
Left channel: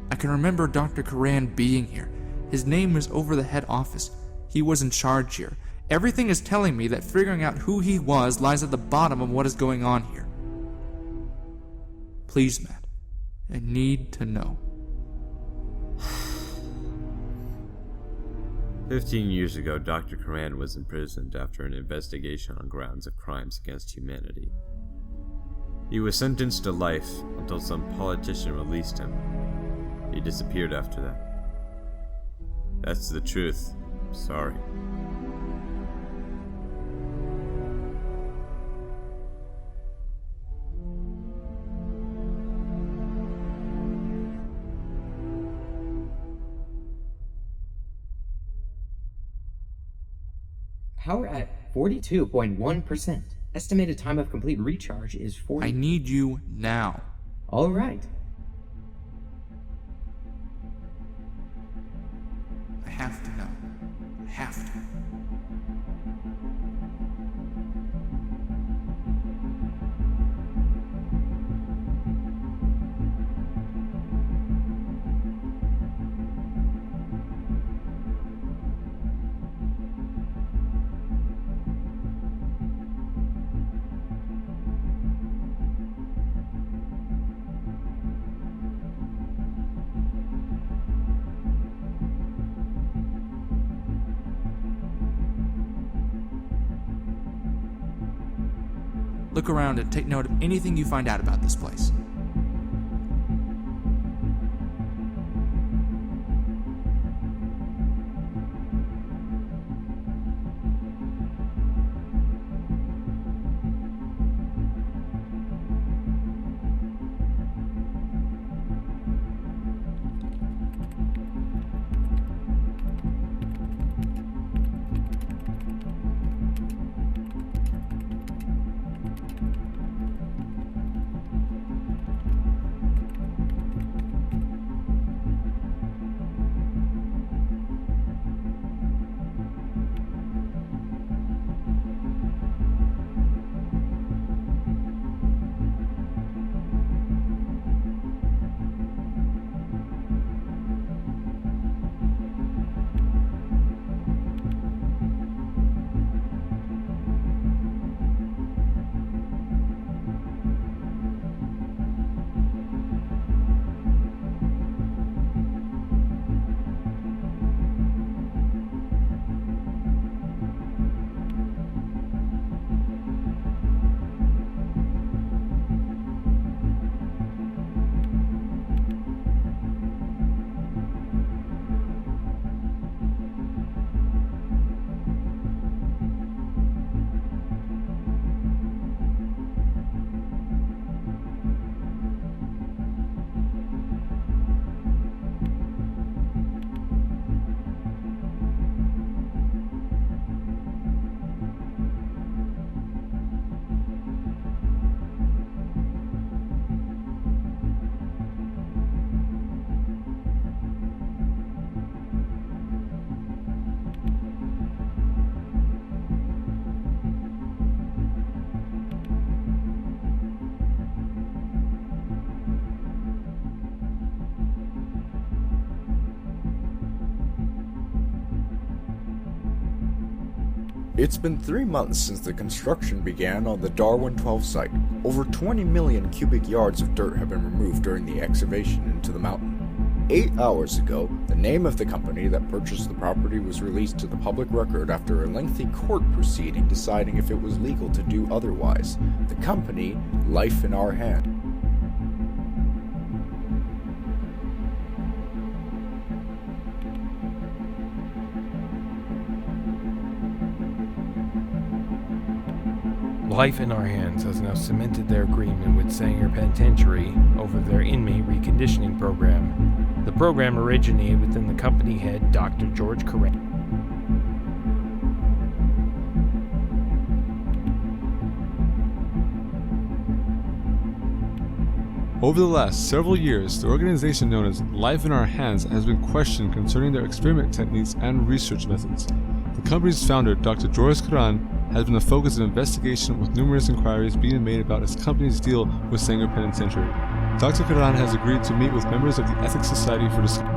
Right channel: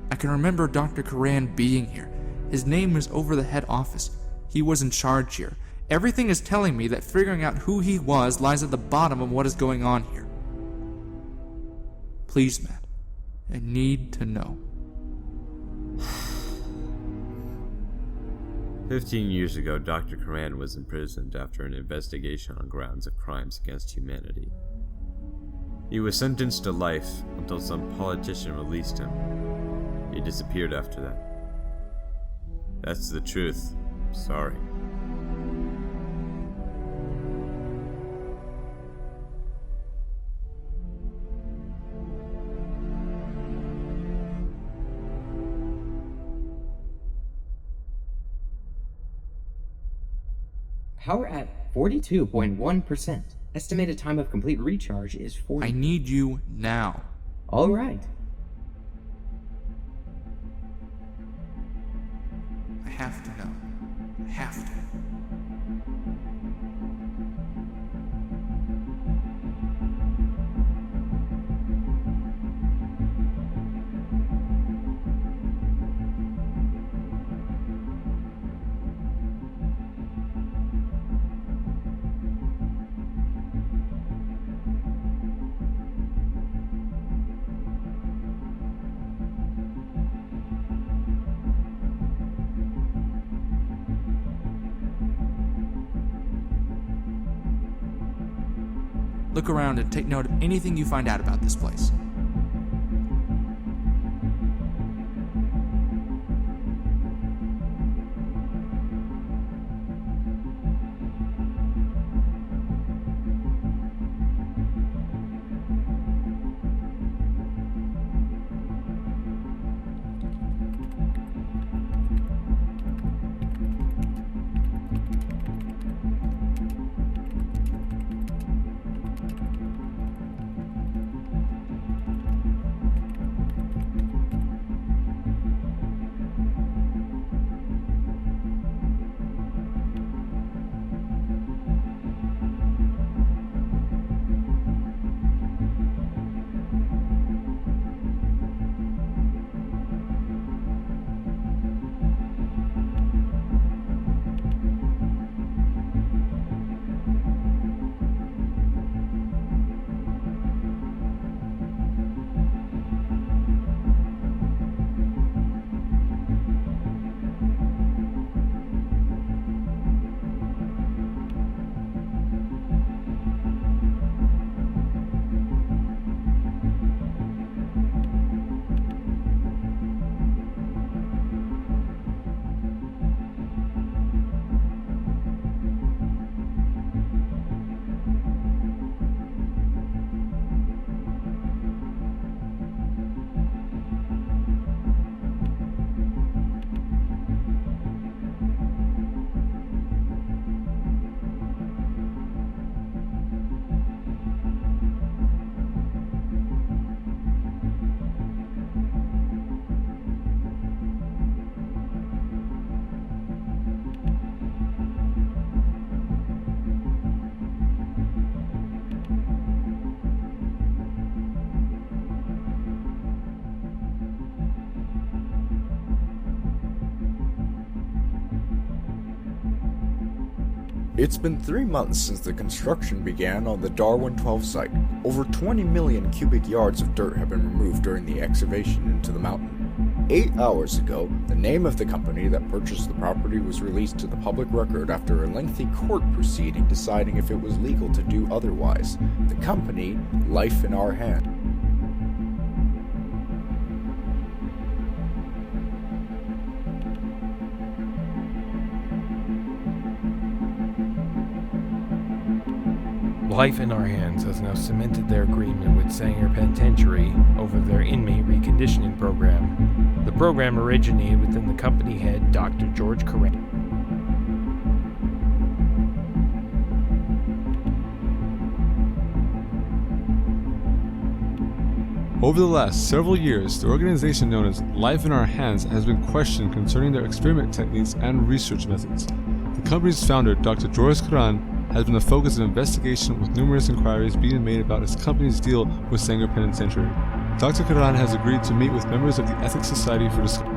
I can remember Dr. Karan being here. His name was over the head office. He was in charge here. Everything is telling me that figuring out who he was lies at the bottom of what is going on here. Please, Matt. I need to know. 15 years ago, Dr. Karan was imprisoned after an investigation on grounds of crimes against humanity. He was sentenced to life until some politician released him. He disappeared after that. That's the truth. Sorry. Power at 42.1%. Estimated time of complete recharge is 40. I need you now. All right. I have to know. I have to. Look around and take note of anything you find out about this place. It's been 3 months since the construction began on the Darwin 12 site. Over 20 million cubic yards of dirt have been removed during the excavation into the mountain. 8 hours ago, the name of the company that purchased the property was released to the public record after a lengthy court proceeding deciding if it was legal to do otherwise. The company, Life in Our Hand. Life in Our Hands has now cemented their agreement with Sanger Penitentiary over their inmate reconditioning program. The program originated within the company head, Dr. George Coran. Over the last several years, the organization known as Life in Our Hands has been questioned concerning their experiment techniques and research methods. The company's founder, Dr. George Coran, has been the focus of investigation with numerous inquiries being made about his company's deal with Sanger Penitentiary. Dr. Coran has agreed to meet with members of the Ethics Society for discussion.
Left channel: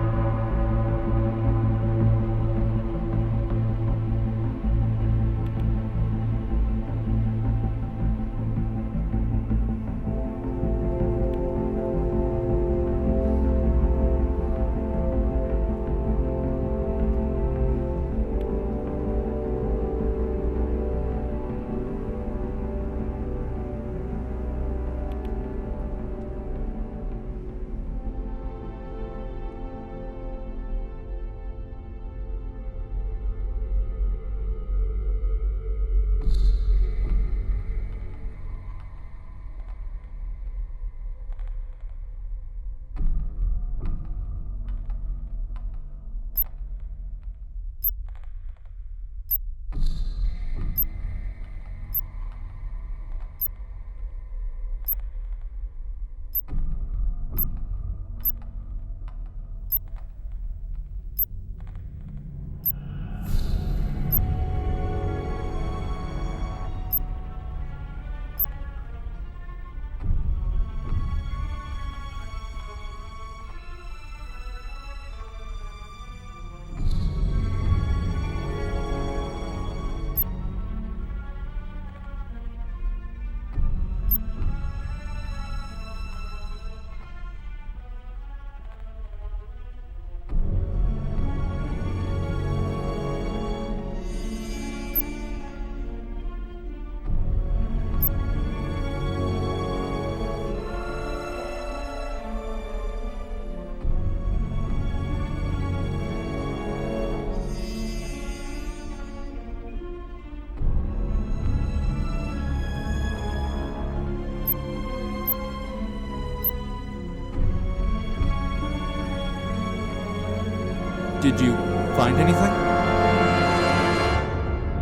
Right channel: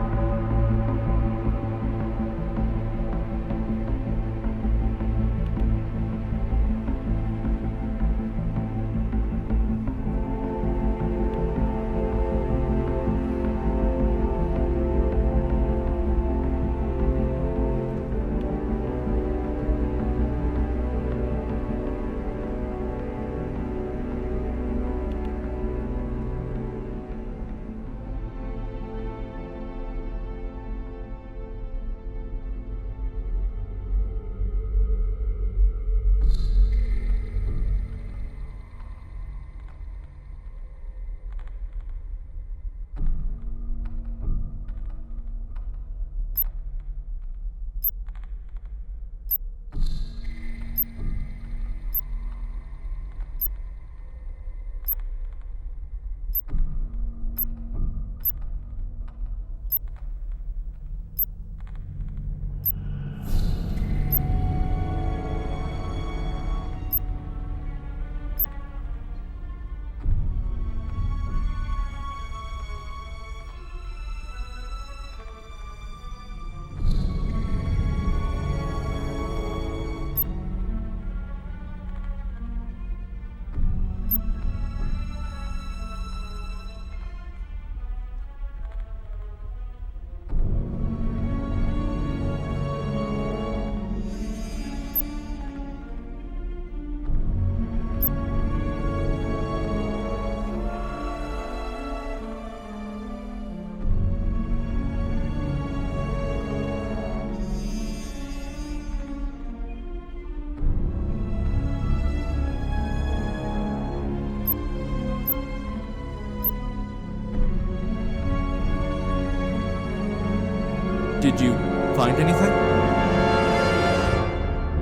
Did you find anything?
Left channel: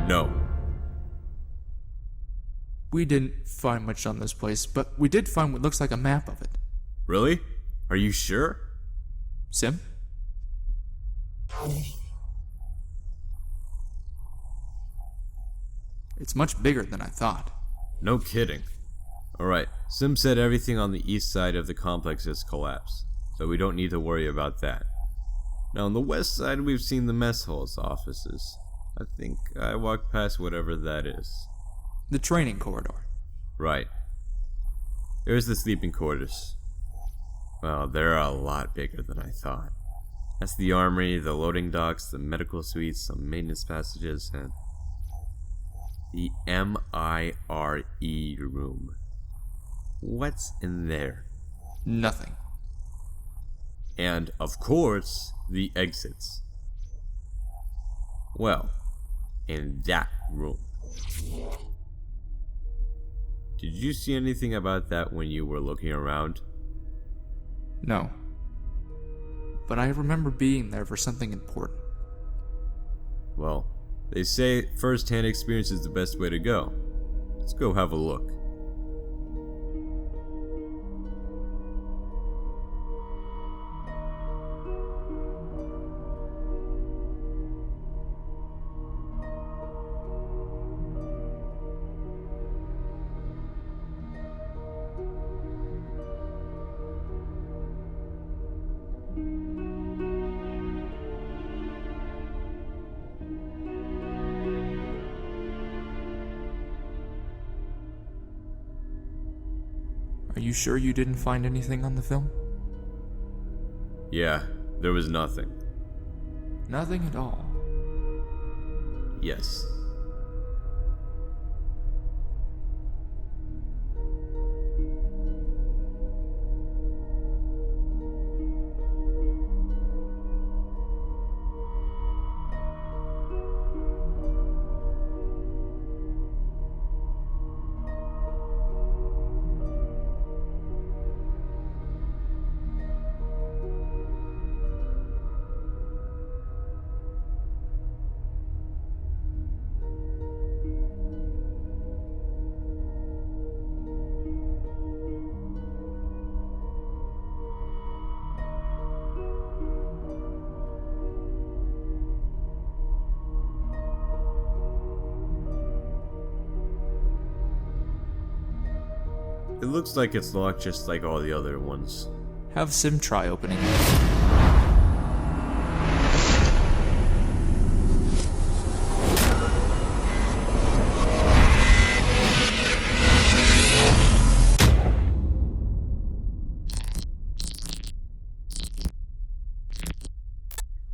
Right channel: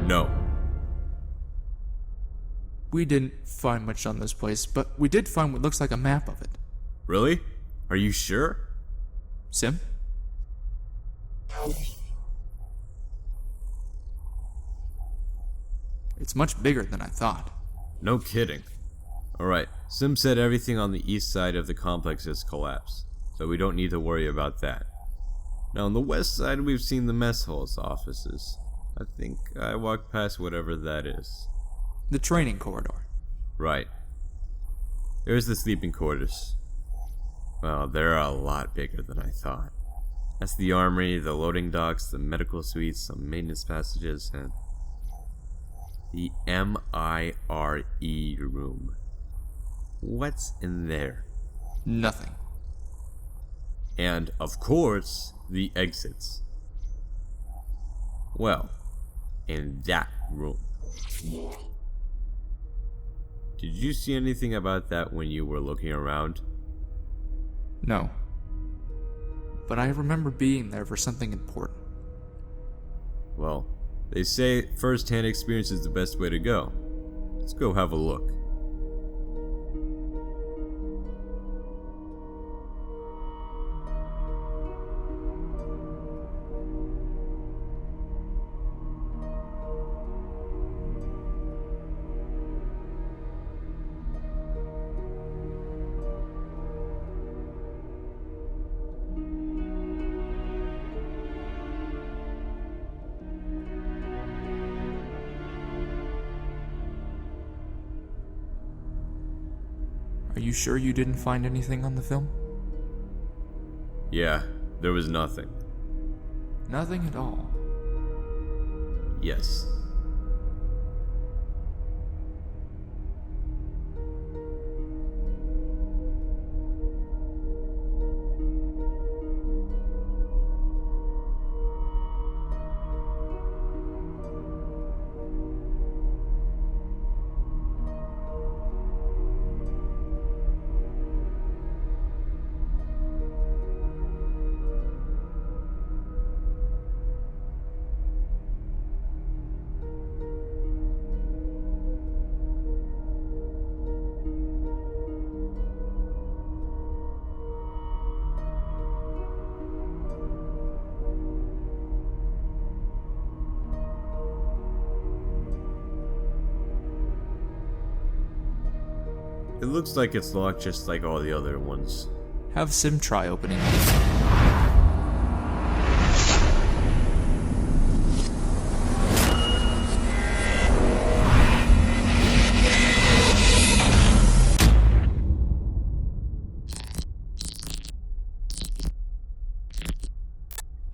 No. We didn't find much on this place, but we did find what looks like a map of it. Really? Are you sure? Sim? It's much bigger than I thought. No kidding. Alright, Sim said everything on the east side of the complex has collapsed, so we don't need to worry about that. Now on the west side we've seen the mess hall's offices. I think I walked past whatever that is. The training corridor. Right. There's the sleeping quarters. Well, they're a lot bigger than I thought. That's the armory, the loading docks, the medical suites, some maintenance passages, and the MIRE room. What's in there? Nothing. And, of course, the exits. Well, in that room. Did you see anything about that when you were looking around? No. But I remember being there for something important. Well, they say first-hand experience is the best way to go. Let's go have a look. Are you sure you didn't find anything on the film? Yeah, there was nothing. Nothing at all. Yes. It looks like it's locked just like all the other ones. Have Sim try opening it.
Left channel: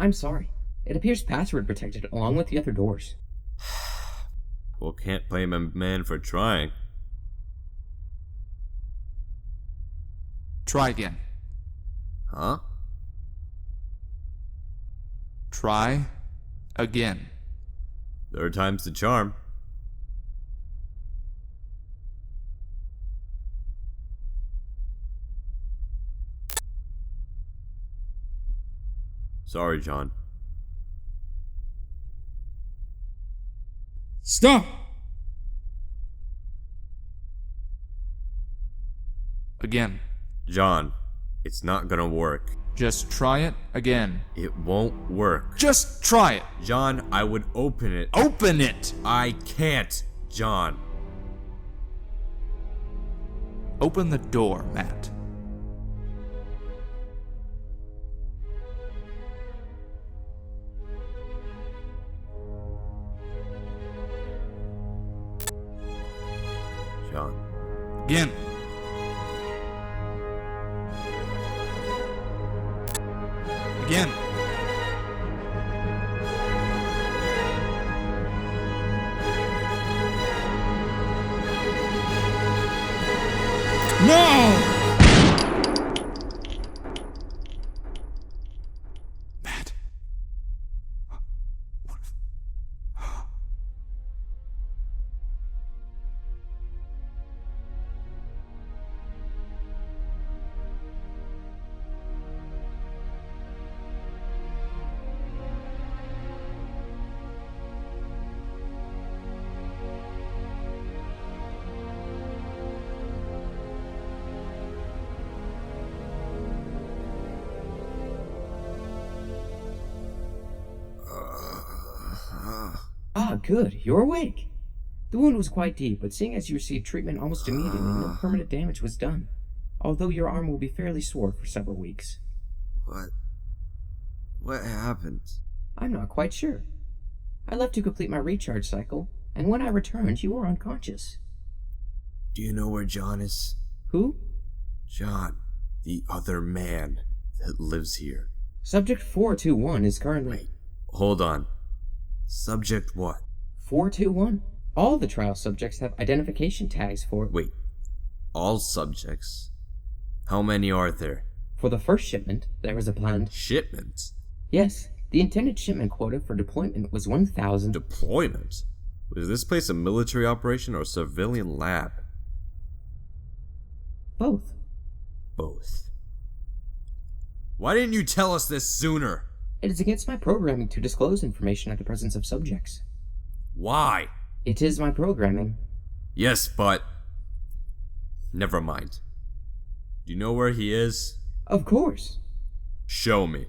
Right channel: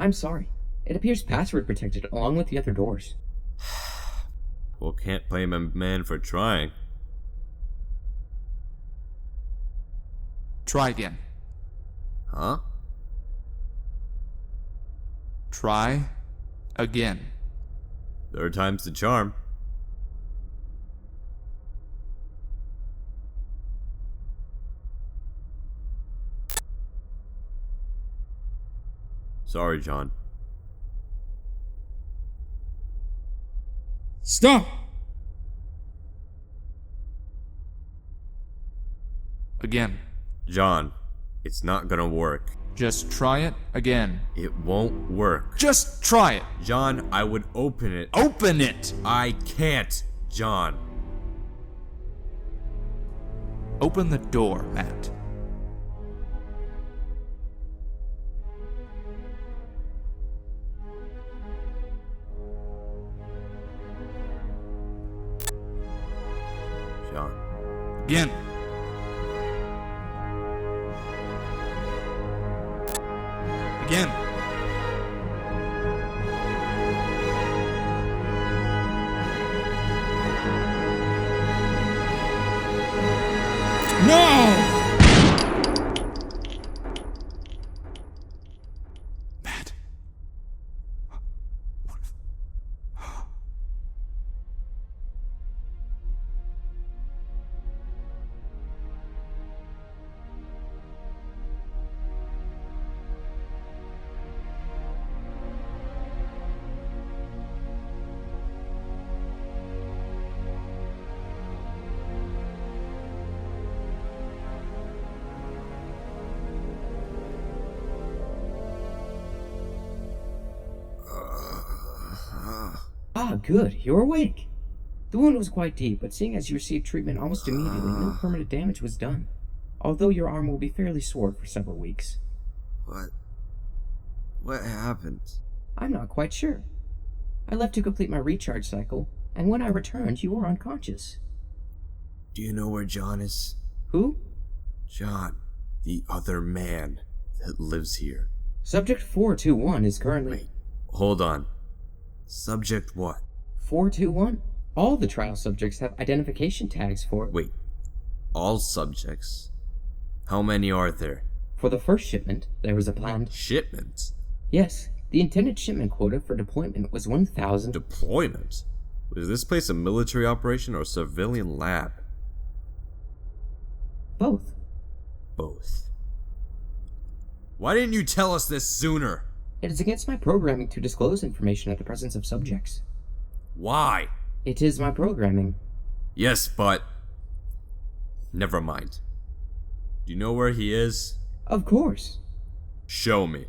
I'm sorry. It appears password protected along with the other doors. Well, can't blame a man for trying. Try again. Huh? Try again. Third time's the charm. Sorry, John. Stop! Again. John, it's not gonna work. Just try it again. It won't work. Just try it. John, I would open it. Open it! I can't, John. Open the door, Matt. John. Again. Again. No! Matt. What if... Ah, good. You're awake. The wound was quite deep, but seeing as you received treatment almost immediately, no permanent damage was done. Although your arm will be fairly sore for several weeks. What happened? I'm not quite sure. I left to complete my recharge cycle, and when I returned, you were unconscious. Do you know where John is? Who? John, the other man that lives here. Subject 421 is currently... Wait, hold on. Subject what? 421. All of the trial subjects have identification tags for it. Wait, all subjects? How many are there? For the first shipment, there was a planned... Shipment? Yes, the intended shipment quota for deployment was 1,000... Deployment? Was this place a military operation or a civilian lab? Both. Both. Why didn't you tell us this sooner? It is against my programming to disclose information at the presence of subjects. Why? It is my programming. Yes, but... Never mind. Do you know where he is? Of course. Show me.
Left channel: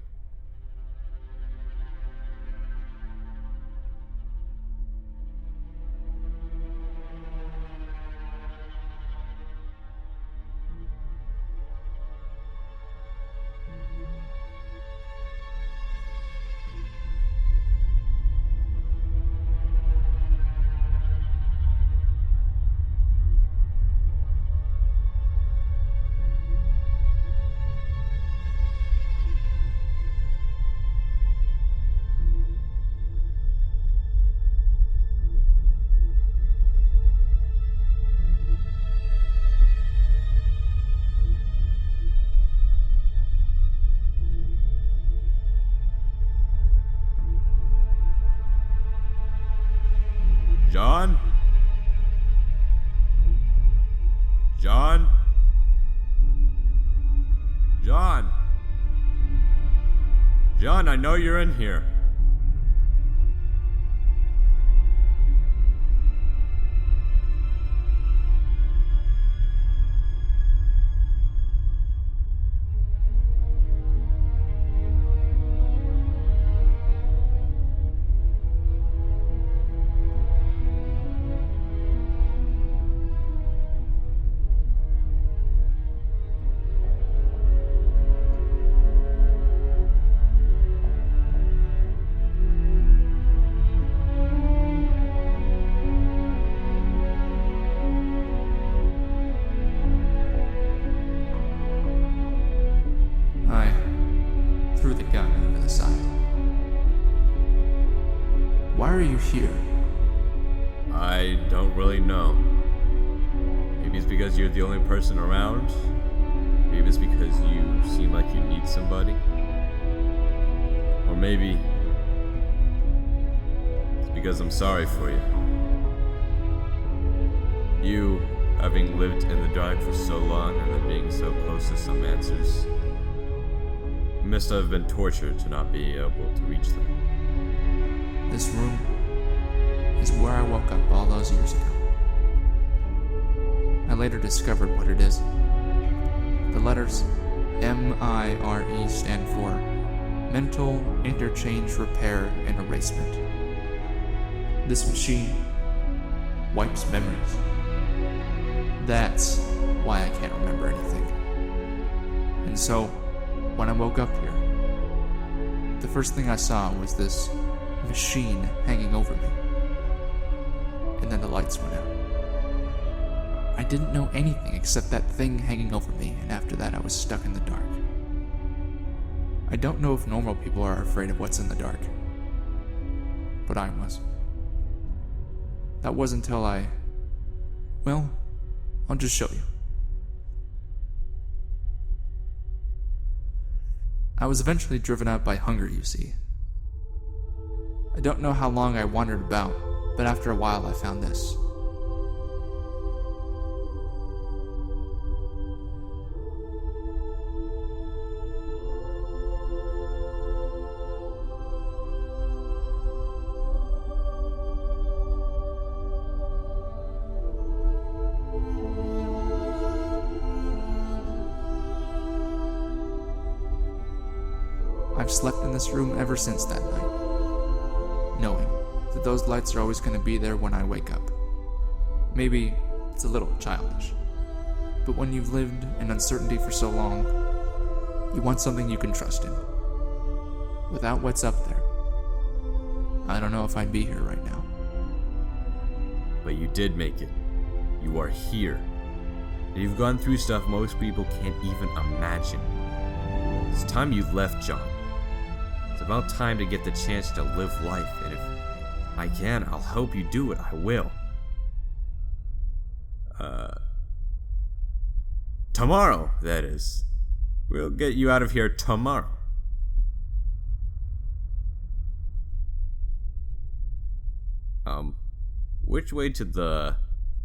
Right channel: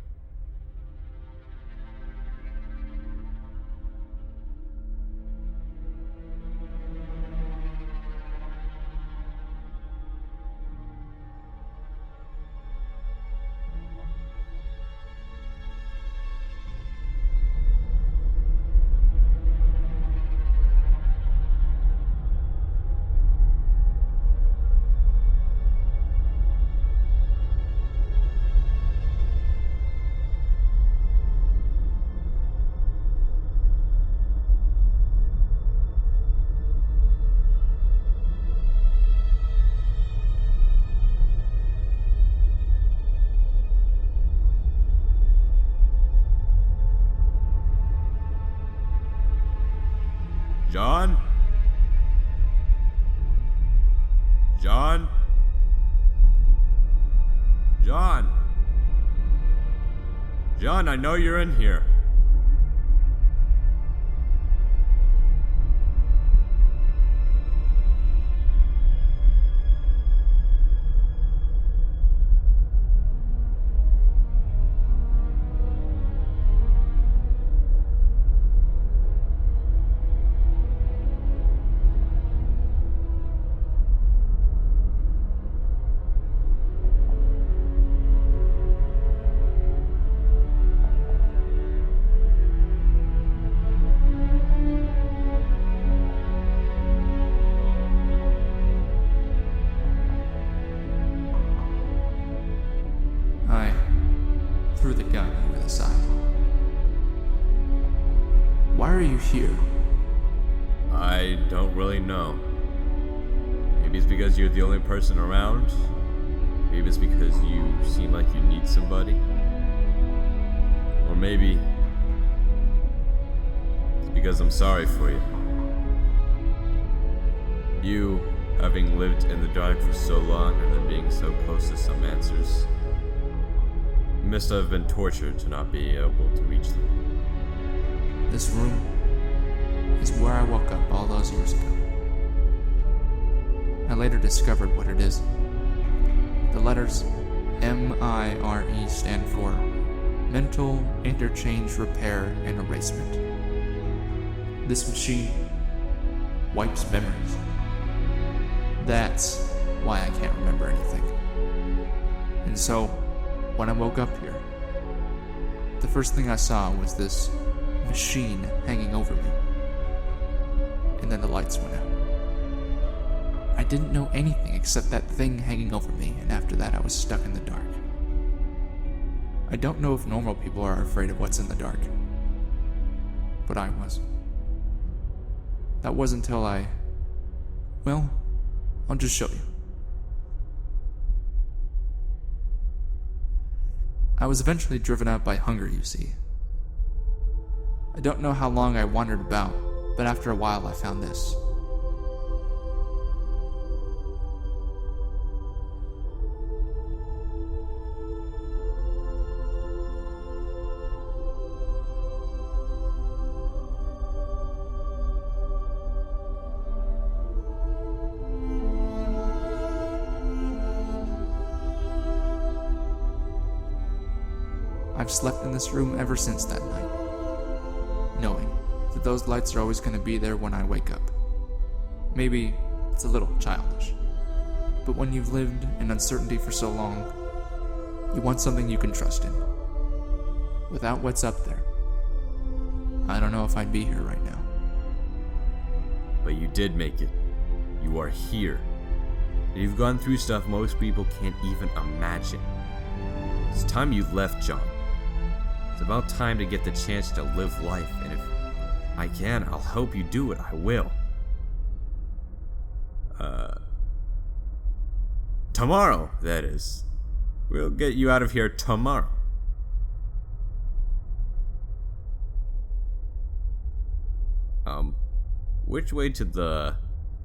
John? John? John? John, I know you're in here. I threw the gun over the side. Why are you here? I don't really know. Maybe it's because you're the only person around. Maybe it's because you seem like you need somebody. Or maybe it's because I'm sorry for you. You, having lived in the dark for so long and then being so close to some answers, you must have been tortured to not be able to reach them. This room is where I woke up all those years ago. I later discovered what it is. The letters MIRE stand for Mental Interchange Repair and Erasement. This machine wipes memories. That's why I can't remember anything. And so, when I woke up here, the first thing I saw was this machine hanging over me. And then the lights went out. I didn't know anything except that thing hanging over me, and after that I was stuck in the dark. I don't know if normal people are afraid of what's in the dark, but I was. That was until well, I'll just show you. I was eventually driven out by hunger, you see. I don't know how long I wandered about, but after a while I found this. I've slept in this room ever since that night, knowing that those lights are always going to be there when I wake up. Maybe it's a little childish, but when you've lived in uncertainty for so long, you want something you can trust in. Without what's up there, I don't know if I'd be here right now. But you did make it. You are here. You've gone through stuff most people can't even imagine. It's time you left, John. It's about time to get the chance to live life, and if I can, I'll help you do it. I will. Tomorrow, that is. We'll get you out of here tomorrow. Which way to the...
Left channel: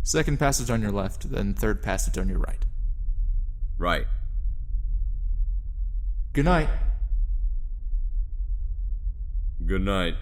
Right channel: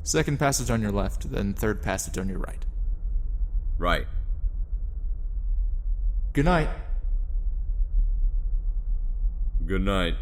Second passage on your left, then third passage on your right. Right. Good night. Good night.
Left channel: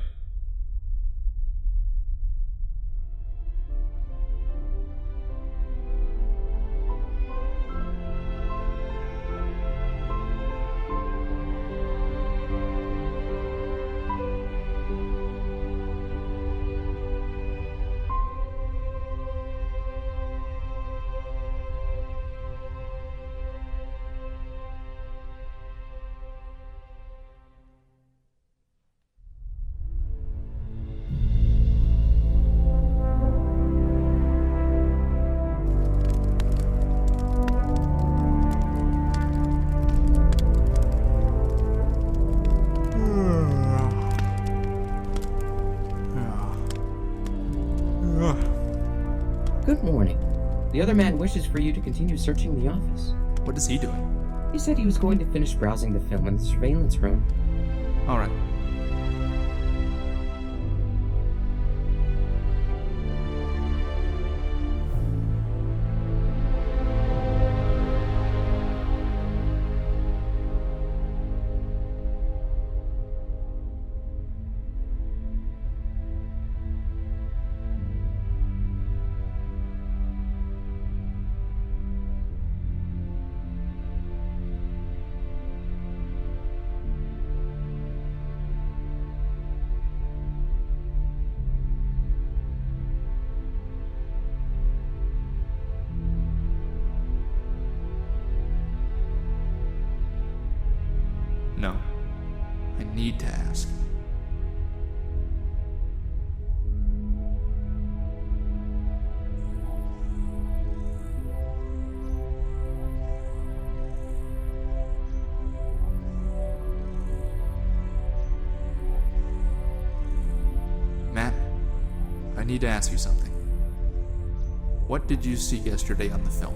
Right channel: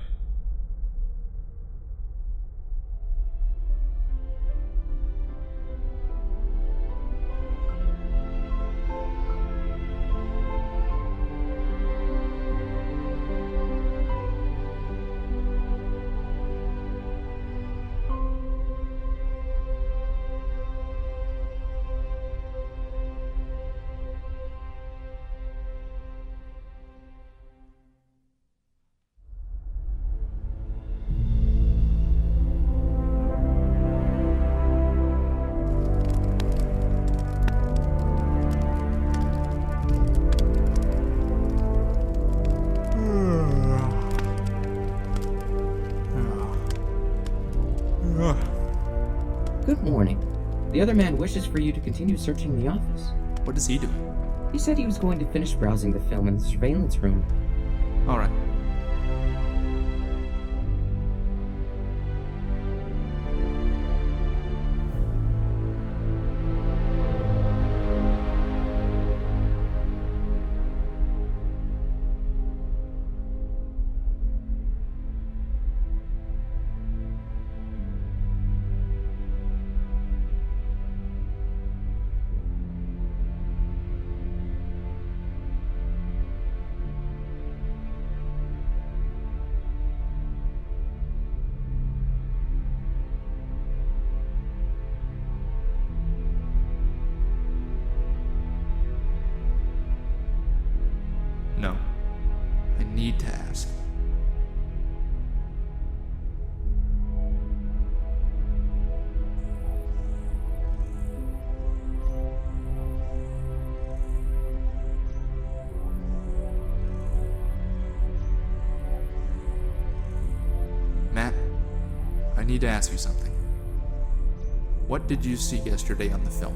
Good morning. The other man wishes for you to continue searching the office. What is he doing? He said he was going to finish browsing the film in the surveillance room. Alright. No. I need to ask. Matt, I need to ask you something. What did you see yesterday on the film?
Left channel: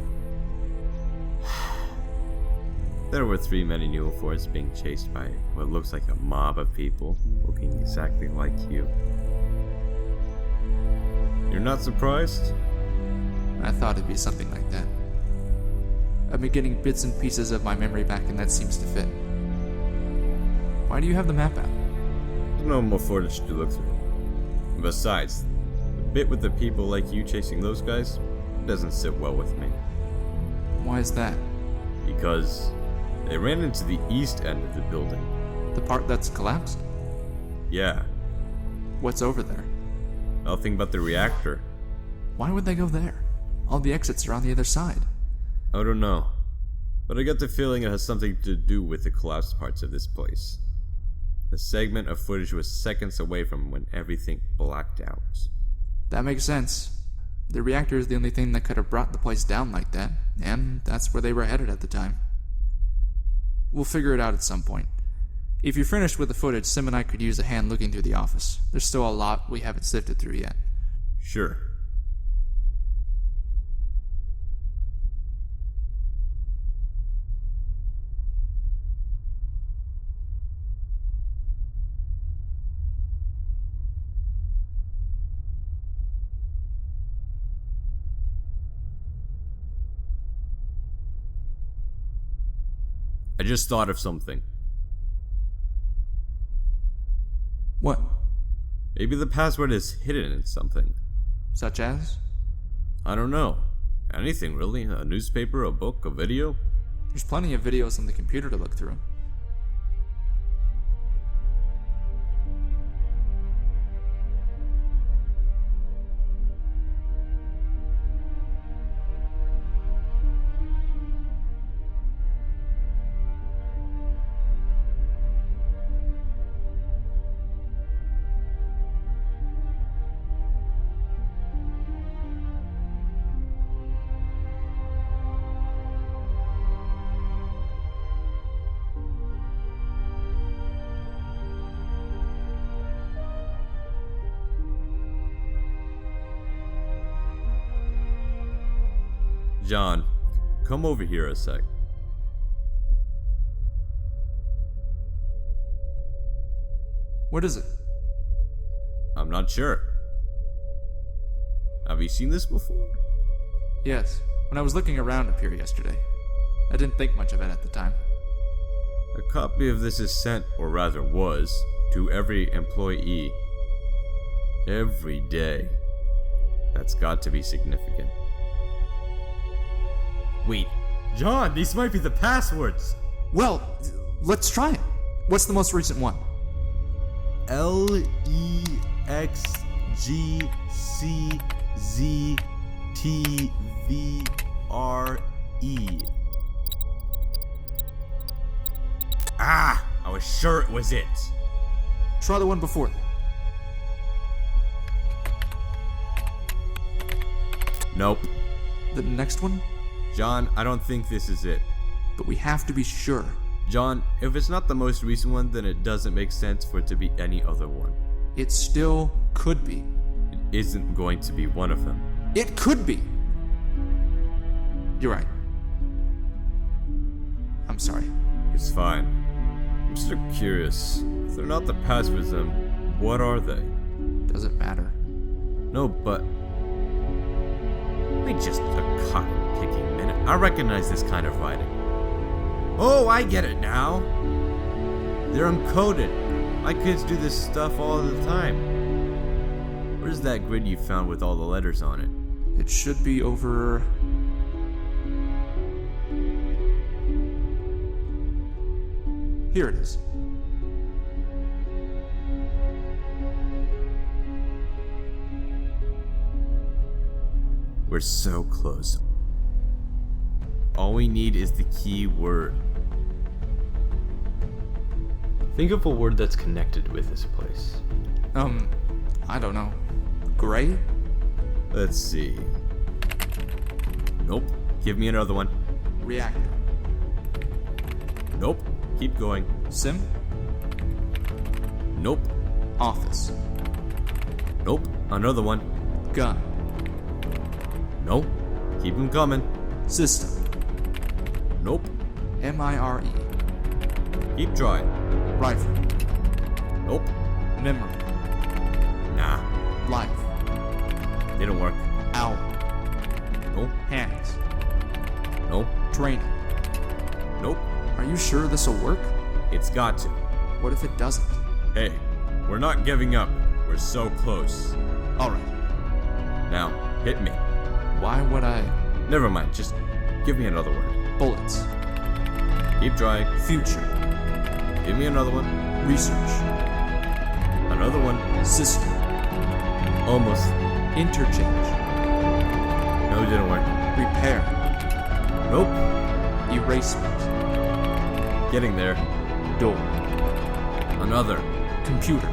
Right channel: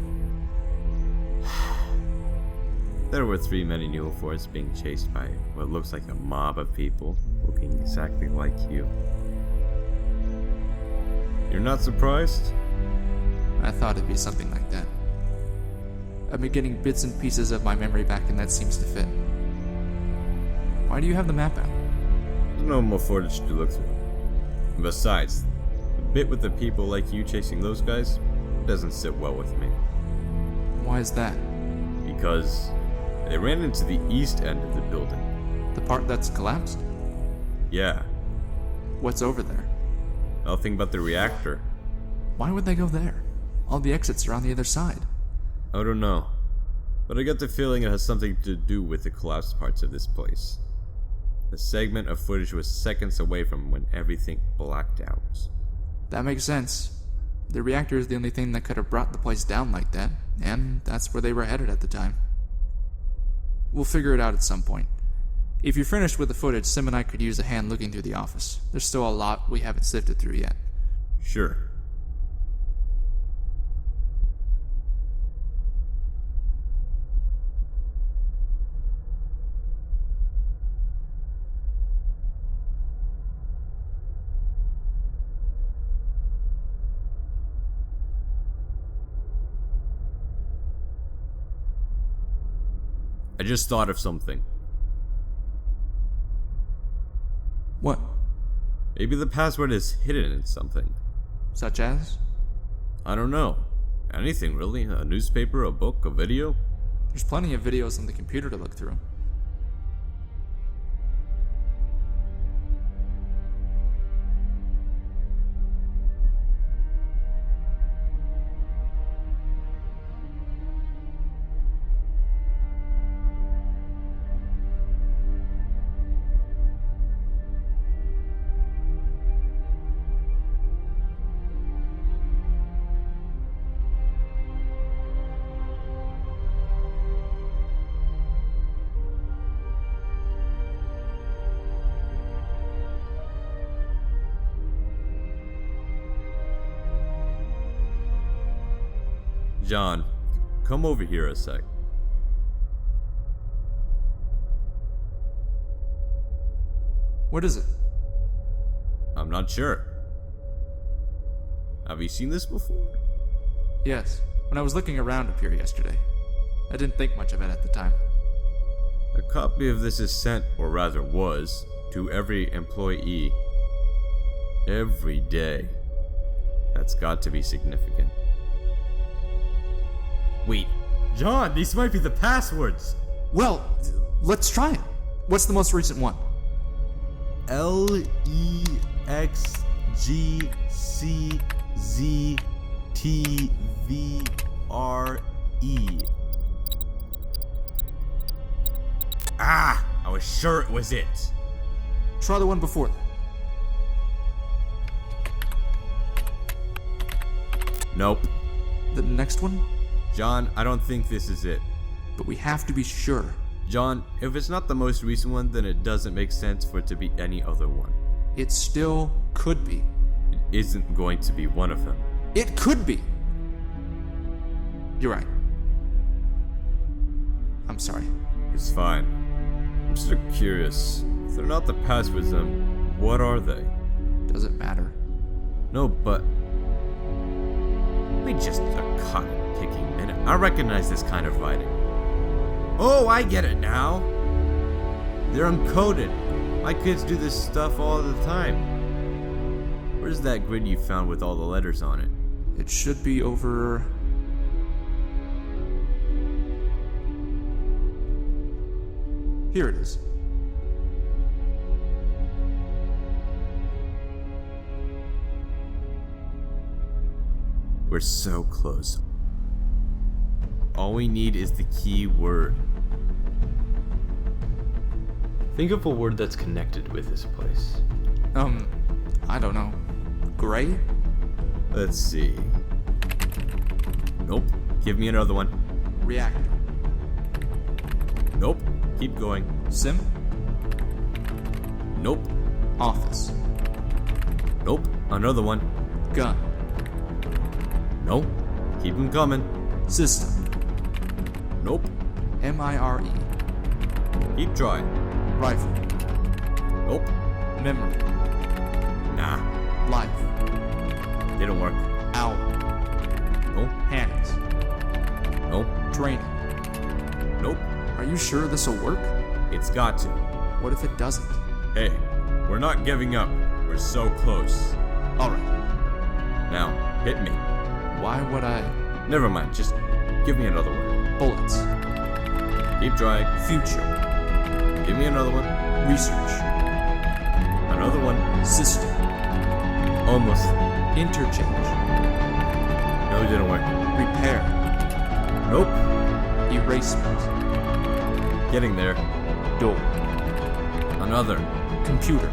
There were 3 men in uniforms being chased by what looks like a mob of people looking exactly like you. You're not surprised? I thought it'd be something like that. I've been getting bits and pieces of my memory back, and that seems to fit. Why do you have the map out? There's no more footage to look through. And besides, the bit with the people like you chasing those guys doesn't sit well with me. Why is that? Because they ran into the east end of the building. The part that's collapsed? Yeah, What's over there? nothing but the reactor. Why would they go there? All the exits are on the other side. I don't know, but I get the feeling it has something to do with the collapsed parts of this place. The segment of footage was seconds away from when everything blacked out. That makes sense. The reactor is the only thing that could have brought the place down like that, and that's where they were headed at the time. We'll figure it out at some point. If you're finished with the footage, Sim and I could use a hand looking through the office. There's still a lot we haven't sifted through yet. Sure. I just thought of something. What? Maybe the password is hidden in something. Such as? I don't know. Anything really. A newspaper, a book, a video. There's plenty of videos on the computer to look through. John, come over here a sec. What is it? I'm not sure. Have you seen this before? Yes, when I was looking around up here yesterday. I didn't think much of it at the time. A copy of this is sent, or rather was, to every employee. Every day. That's got to be significant. Wait, John, these might be the passwords. Well, let's try it. What's the most recent one? LEXGCZTVRE. Ah, I was sure it was it. Try the one before that. Nope. The next one? John, I don't think this is it. But we have to be sure. John, if it's not the most recent one, then it doesn't make sense for it to be any other one. It still could be. It isn't going to be one of them. It could be! You're right. I'm sorry. It's fine. I'm still curious. If they're not the passwords, then what are they? Doesn't matter. No, but... Wait just a cotton-picking minute. I recognize this kind of writing. Oh, I get it now. They're encoded. My kids do this stuff all the time. Where's that grid you found with all the letters on it? It should be over... Here it is. We're so close. All we need is the key word. Think of a word that's connected with this place. I don't know. Gray? Let's see. Nope. Give me another one. Reactor. Nope. Keep going. Sim? Nope. Office. Nope. Another one. Gun. Nope. Keep them coming. System. Nope. MIRE. Keep trying. Rifle. Nope. Memory. Nah. Life. Didn't work. Owl. Nope. Hands. Nope. Training. Nope. Are you sure this'll work? It's got to. What if it doesn't? Hey, we're not giving up. We're so close. Alright. Now, hit me. Why would I? Never mind, just give me another word. Bullets. Keep trying. Future. Give me another one. Research. Another one. System. Almost. Interchange. No, it didn't work. Repair. Nope. Erasement. Getting there. Door. Another. Computer.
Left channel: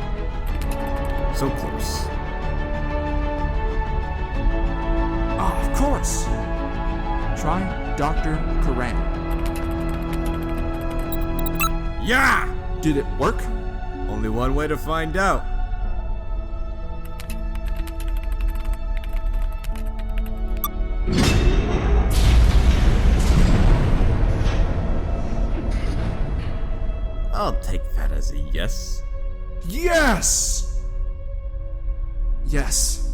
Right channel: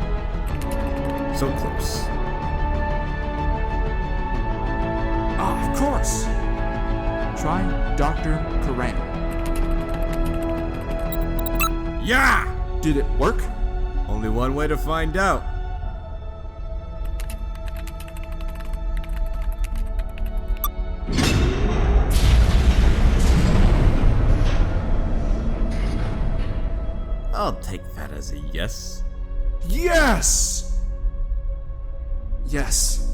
So close. Ah, of course. Try Dr. Karan. Yeah! Did it work? Only one way to find out. I'll take that as a yes. Yes! Yes.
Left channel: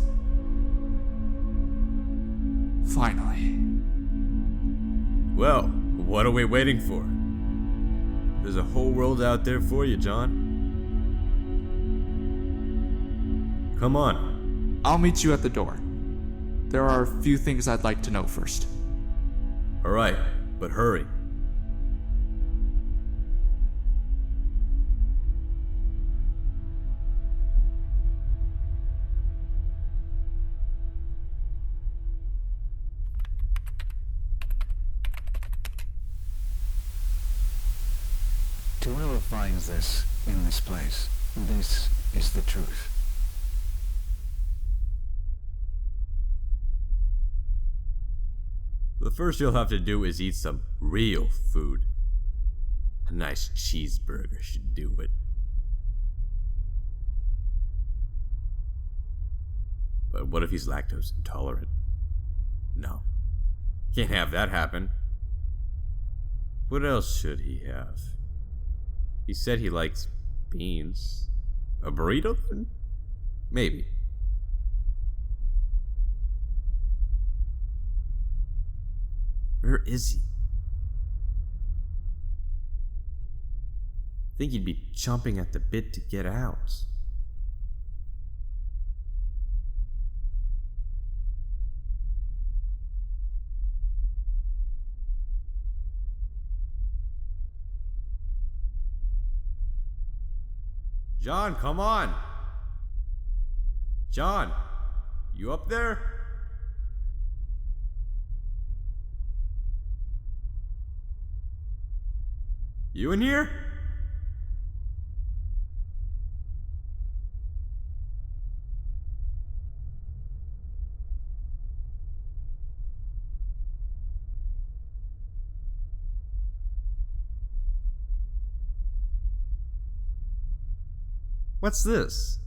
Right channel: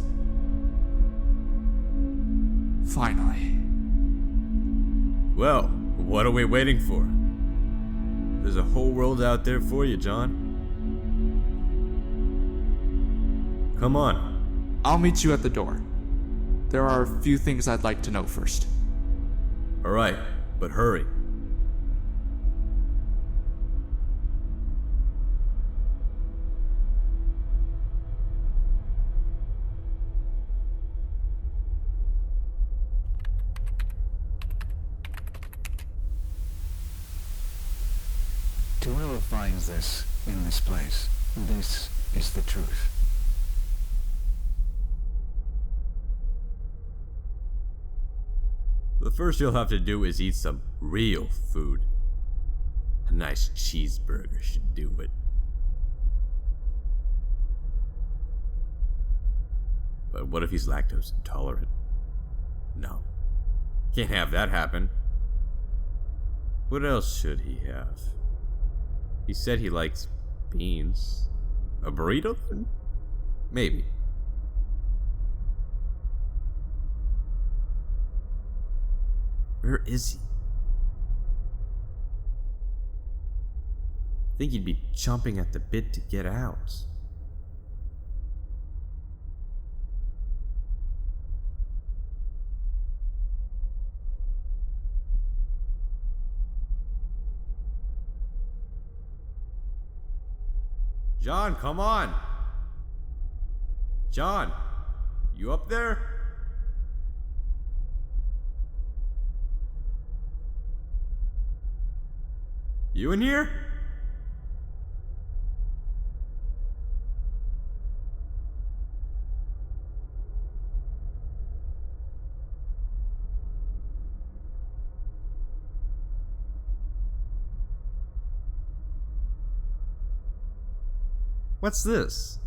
Finally. Well, what are we waiting for? There's a whole world out there for you, John. Come on. I'll meet you at the door. There are a few things I'd like to know first. Alright, but hurry. To whoever finds this in this place, this is the truth. The first you'll have to do is eat some real food. A nice cheeseburger should do it. But what if he's lactose intolerant? No. Can't have that happen. What else should he have? He said he likes beans. A burrito then? Maybe. Where is he? I think he'd be chomping at the bit to get out. John, come on! John, you up there? You in here? What's this?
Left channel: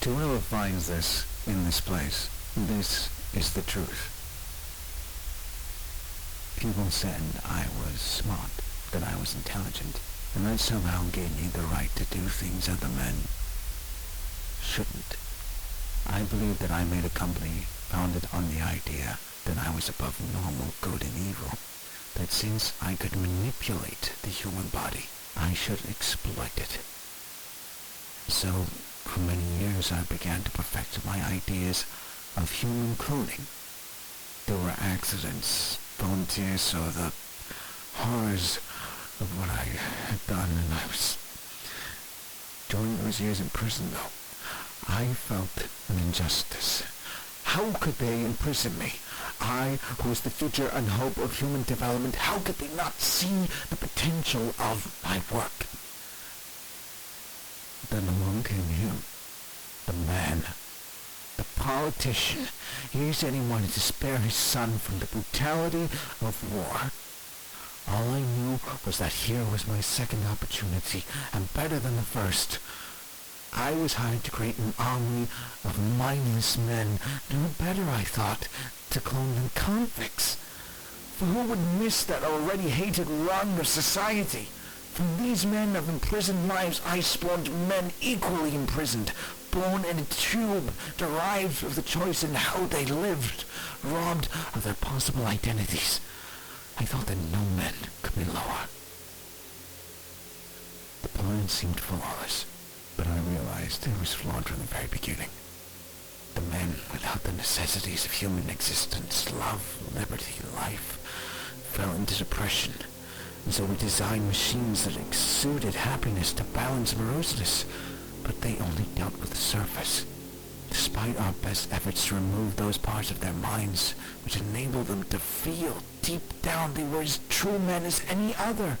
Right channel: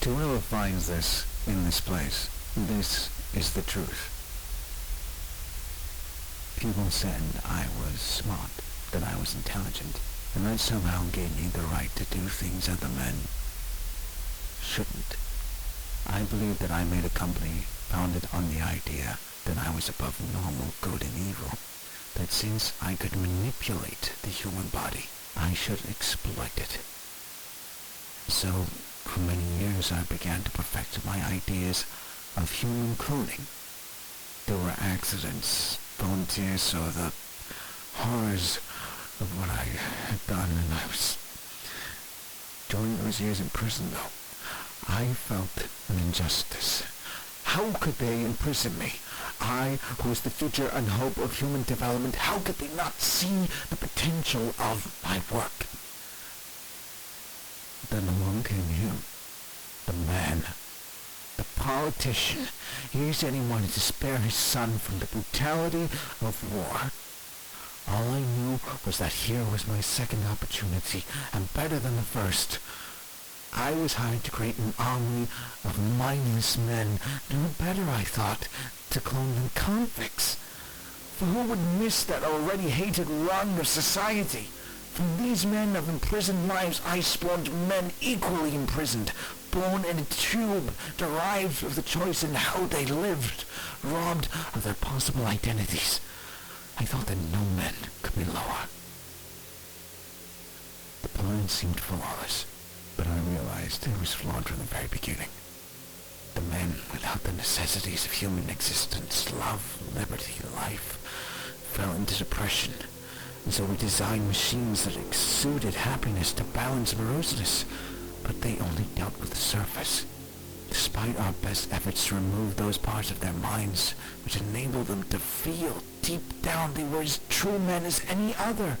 To whoever finds this in this place, this is the truth. People said I was smart, that I was intelligent, and that somehow gave me the right to do things other men shouldn't. I believe that I made a company founded on the idea that I was above normal good and evil, that since I could manipulate the human body, I should exploit it. So, for many years I began to perfect my ideas of human cloning. There were accidents, volunteers saw the horrors of what I had done, and during those years in prison, though, I felt an injustice. How could they imprison me? I, who was the future and hope of human development, how could they not see the potential of my work? Then along came him, the man, the politician. He said he wanted to spare his son from the brutality of war. All I knew was that here was my second opportunity, and better than the first. I was hired to create an army of mindless men, no better, I thought, to clone than convicts. For who would miss that already hated rung of society? From these men of imprisoned lives I spawned men equally imprisoned, born in a tube, derived of the choice in how they lived, robbed of their possible identities. I thought that no man could be lower. The plan seemed flawless, but I realized it was flawed from the very beginning. The men without the necessities of human existence, love, liberty, life, fell into depression, and so we designed machines that exuded happiness to balance moroseness, but they only dealt with the surface. Despite our best efforts to remove those parts of their minds which enabled them to feel deep down they were as true men as any other,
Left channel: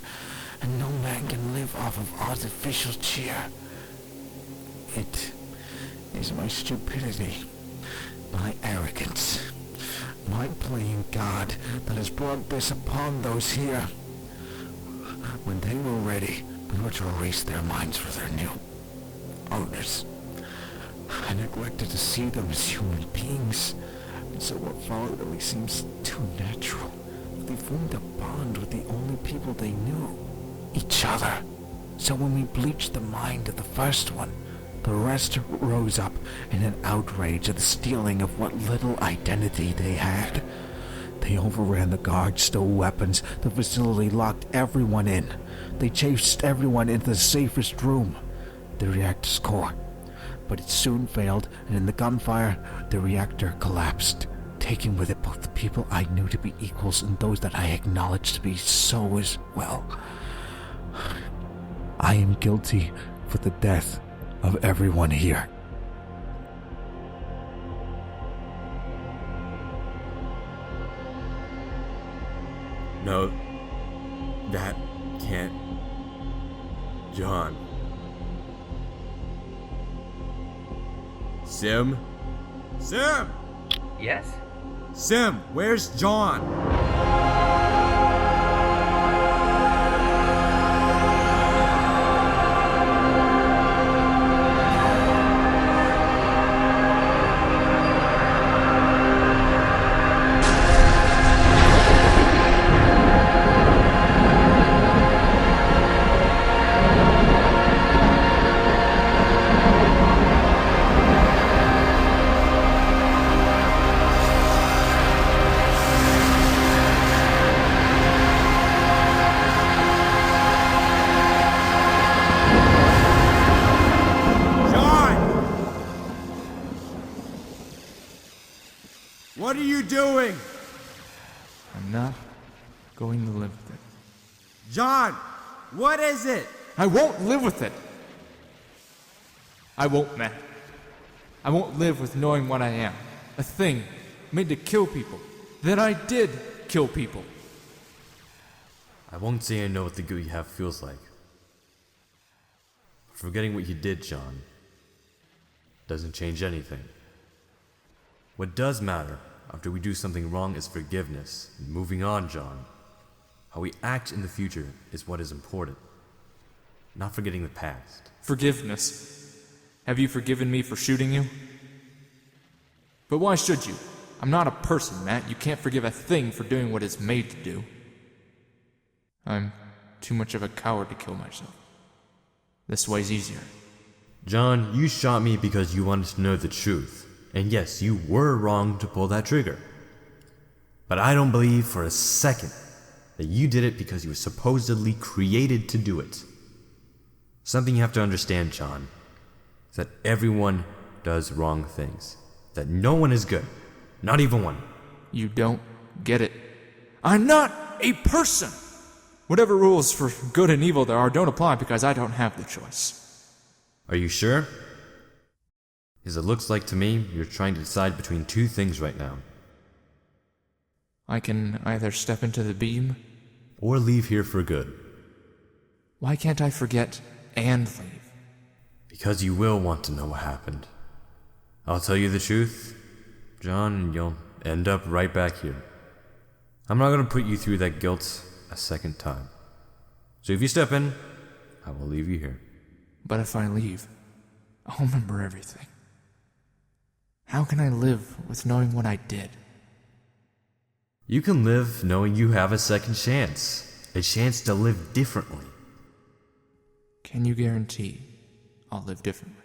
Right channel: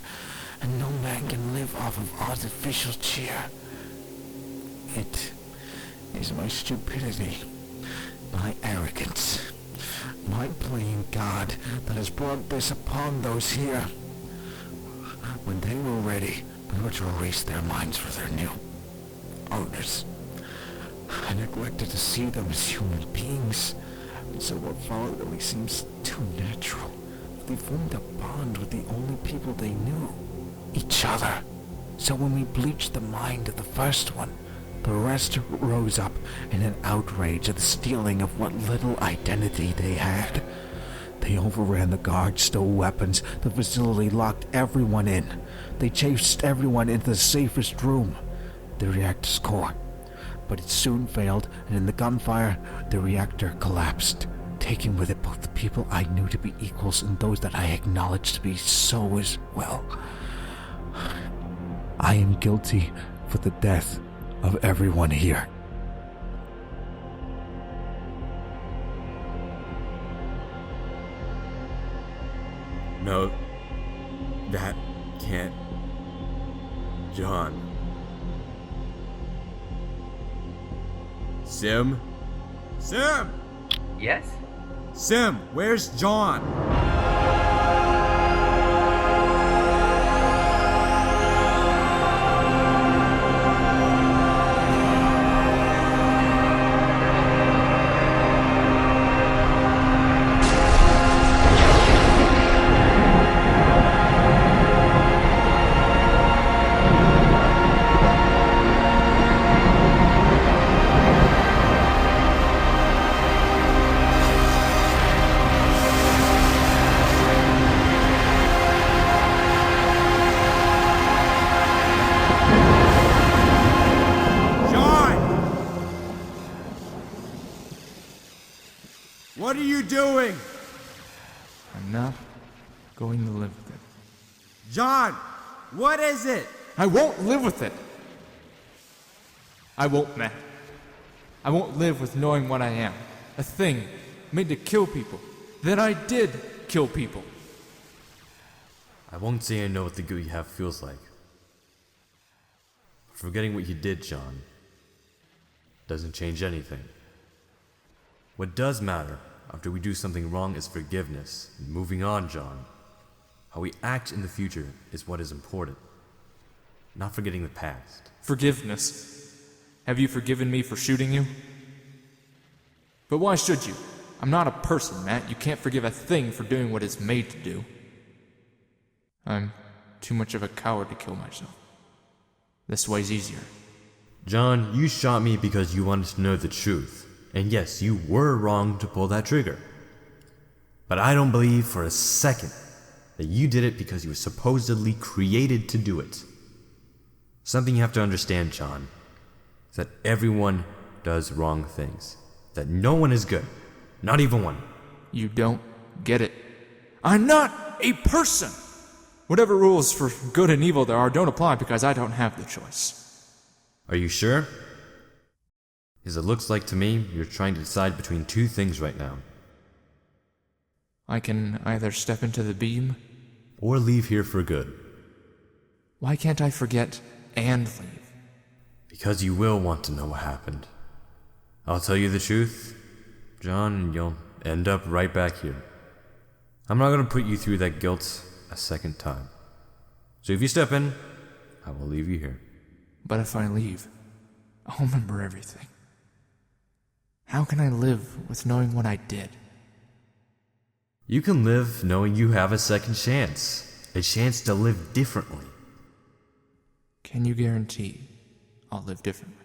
and no man can live off of artificial cheer. It is my stupidity, my arrogance, my playing God that has brought this upon those here. When they were ready, we were to erase their minds for their new owners. I neglected to see them as human beings, and so what followed only seems too natural. They formed a bond with the only people they knew, each other. So when we bleached the mind of the first one, the rest rose up in an outrage at the stealing of what little identity they had. They overran the guards, stole weapons, the facility locked everyone in. They chased everyone into the safest room, the reactor's core. But it soon failed, and in the gunfire, the reactor collapsed, taking with it both the people I knew to be equals and those that I acknowledged to be so as well. I am guilty for the death of everyone here. No, that can't... John. Sim? Sim! Yes? Sim, where's John? What are you doing? I'm not going to live with it. John, what is it? I won't live with it. I won't, Matt. I won't live with knowing what I am. A thing made to kill people. That I did kill people. I won't say I know what the guilt you have feels like. Forgetting what you did, John, doesn't change anything. What does matter after we do something wrong is forgiveness. Moving on, John. How we act in the future is what is important. Not forgetting the past. Forgiveness. Have you forgiven me for shooting you? But why should you? I'm not a person, Matt. You can't forgive a thing for doing what it's made to do. I'm too much of a coward to kill myself. This way's easier. John, you shot me because you wanted to know the truth. And yes, you were wrong to pull that trigger. But I don't believe for a second that you did it because you were supposedly created to do it. Something you have to understand, John, is that everyone does wrong things. That no one is good. Not even one. You don't get it. I'm not a person! Whatever rules for good and evil there are don't apply because I don't have the choice. Are you sure? Because it looks like to me you're trying to decide between two things right now. I can either step into the beam, or leave here for good. Why can't I forget and leave? Because you will want to know what happened. I'll tell you the truth, John, you'll end up right back here. I'm not going to put you through that guilt a second time. So if you step in, I will leave you here. But if I leave, I'll remember everything. How can I live with knowing what I did? You can live knowing you have a second chance. A chance to live differently. Can you guarantee I'll live differently?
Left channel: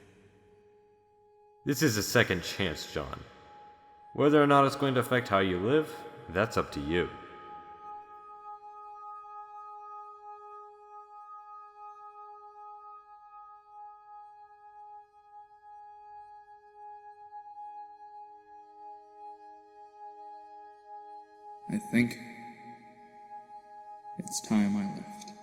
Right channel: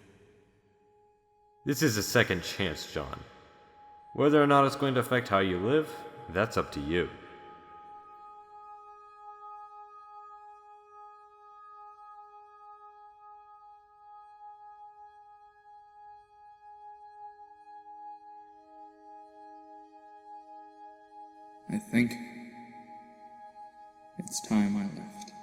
This is a second chance, John. Whether or not it's going to affect how you live, that's up to you. I think it's time I left.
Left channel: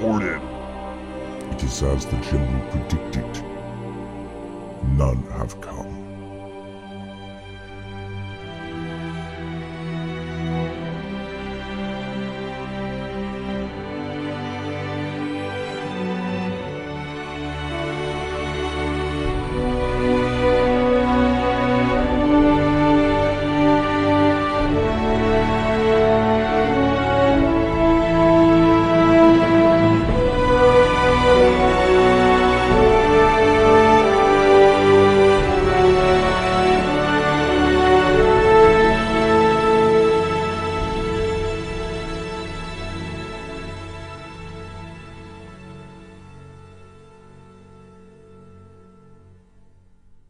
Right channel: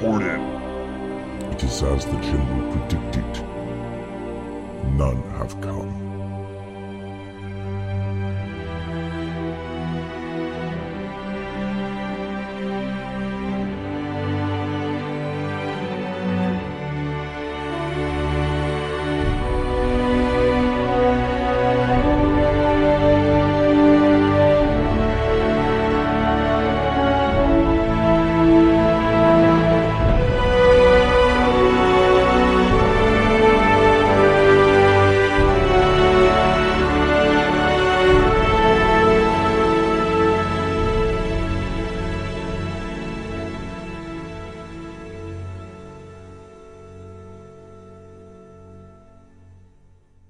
reported. It is as the General predicted. None have come.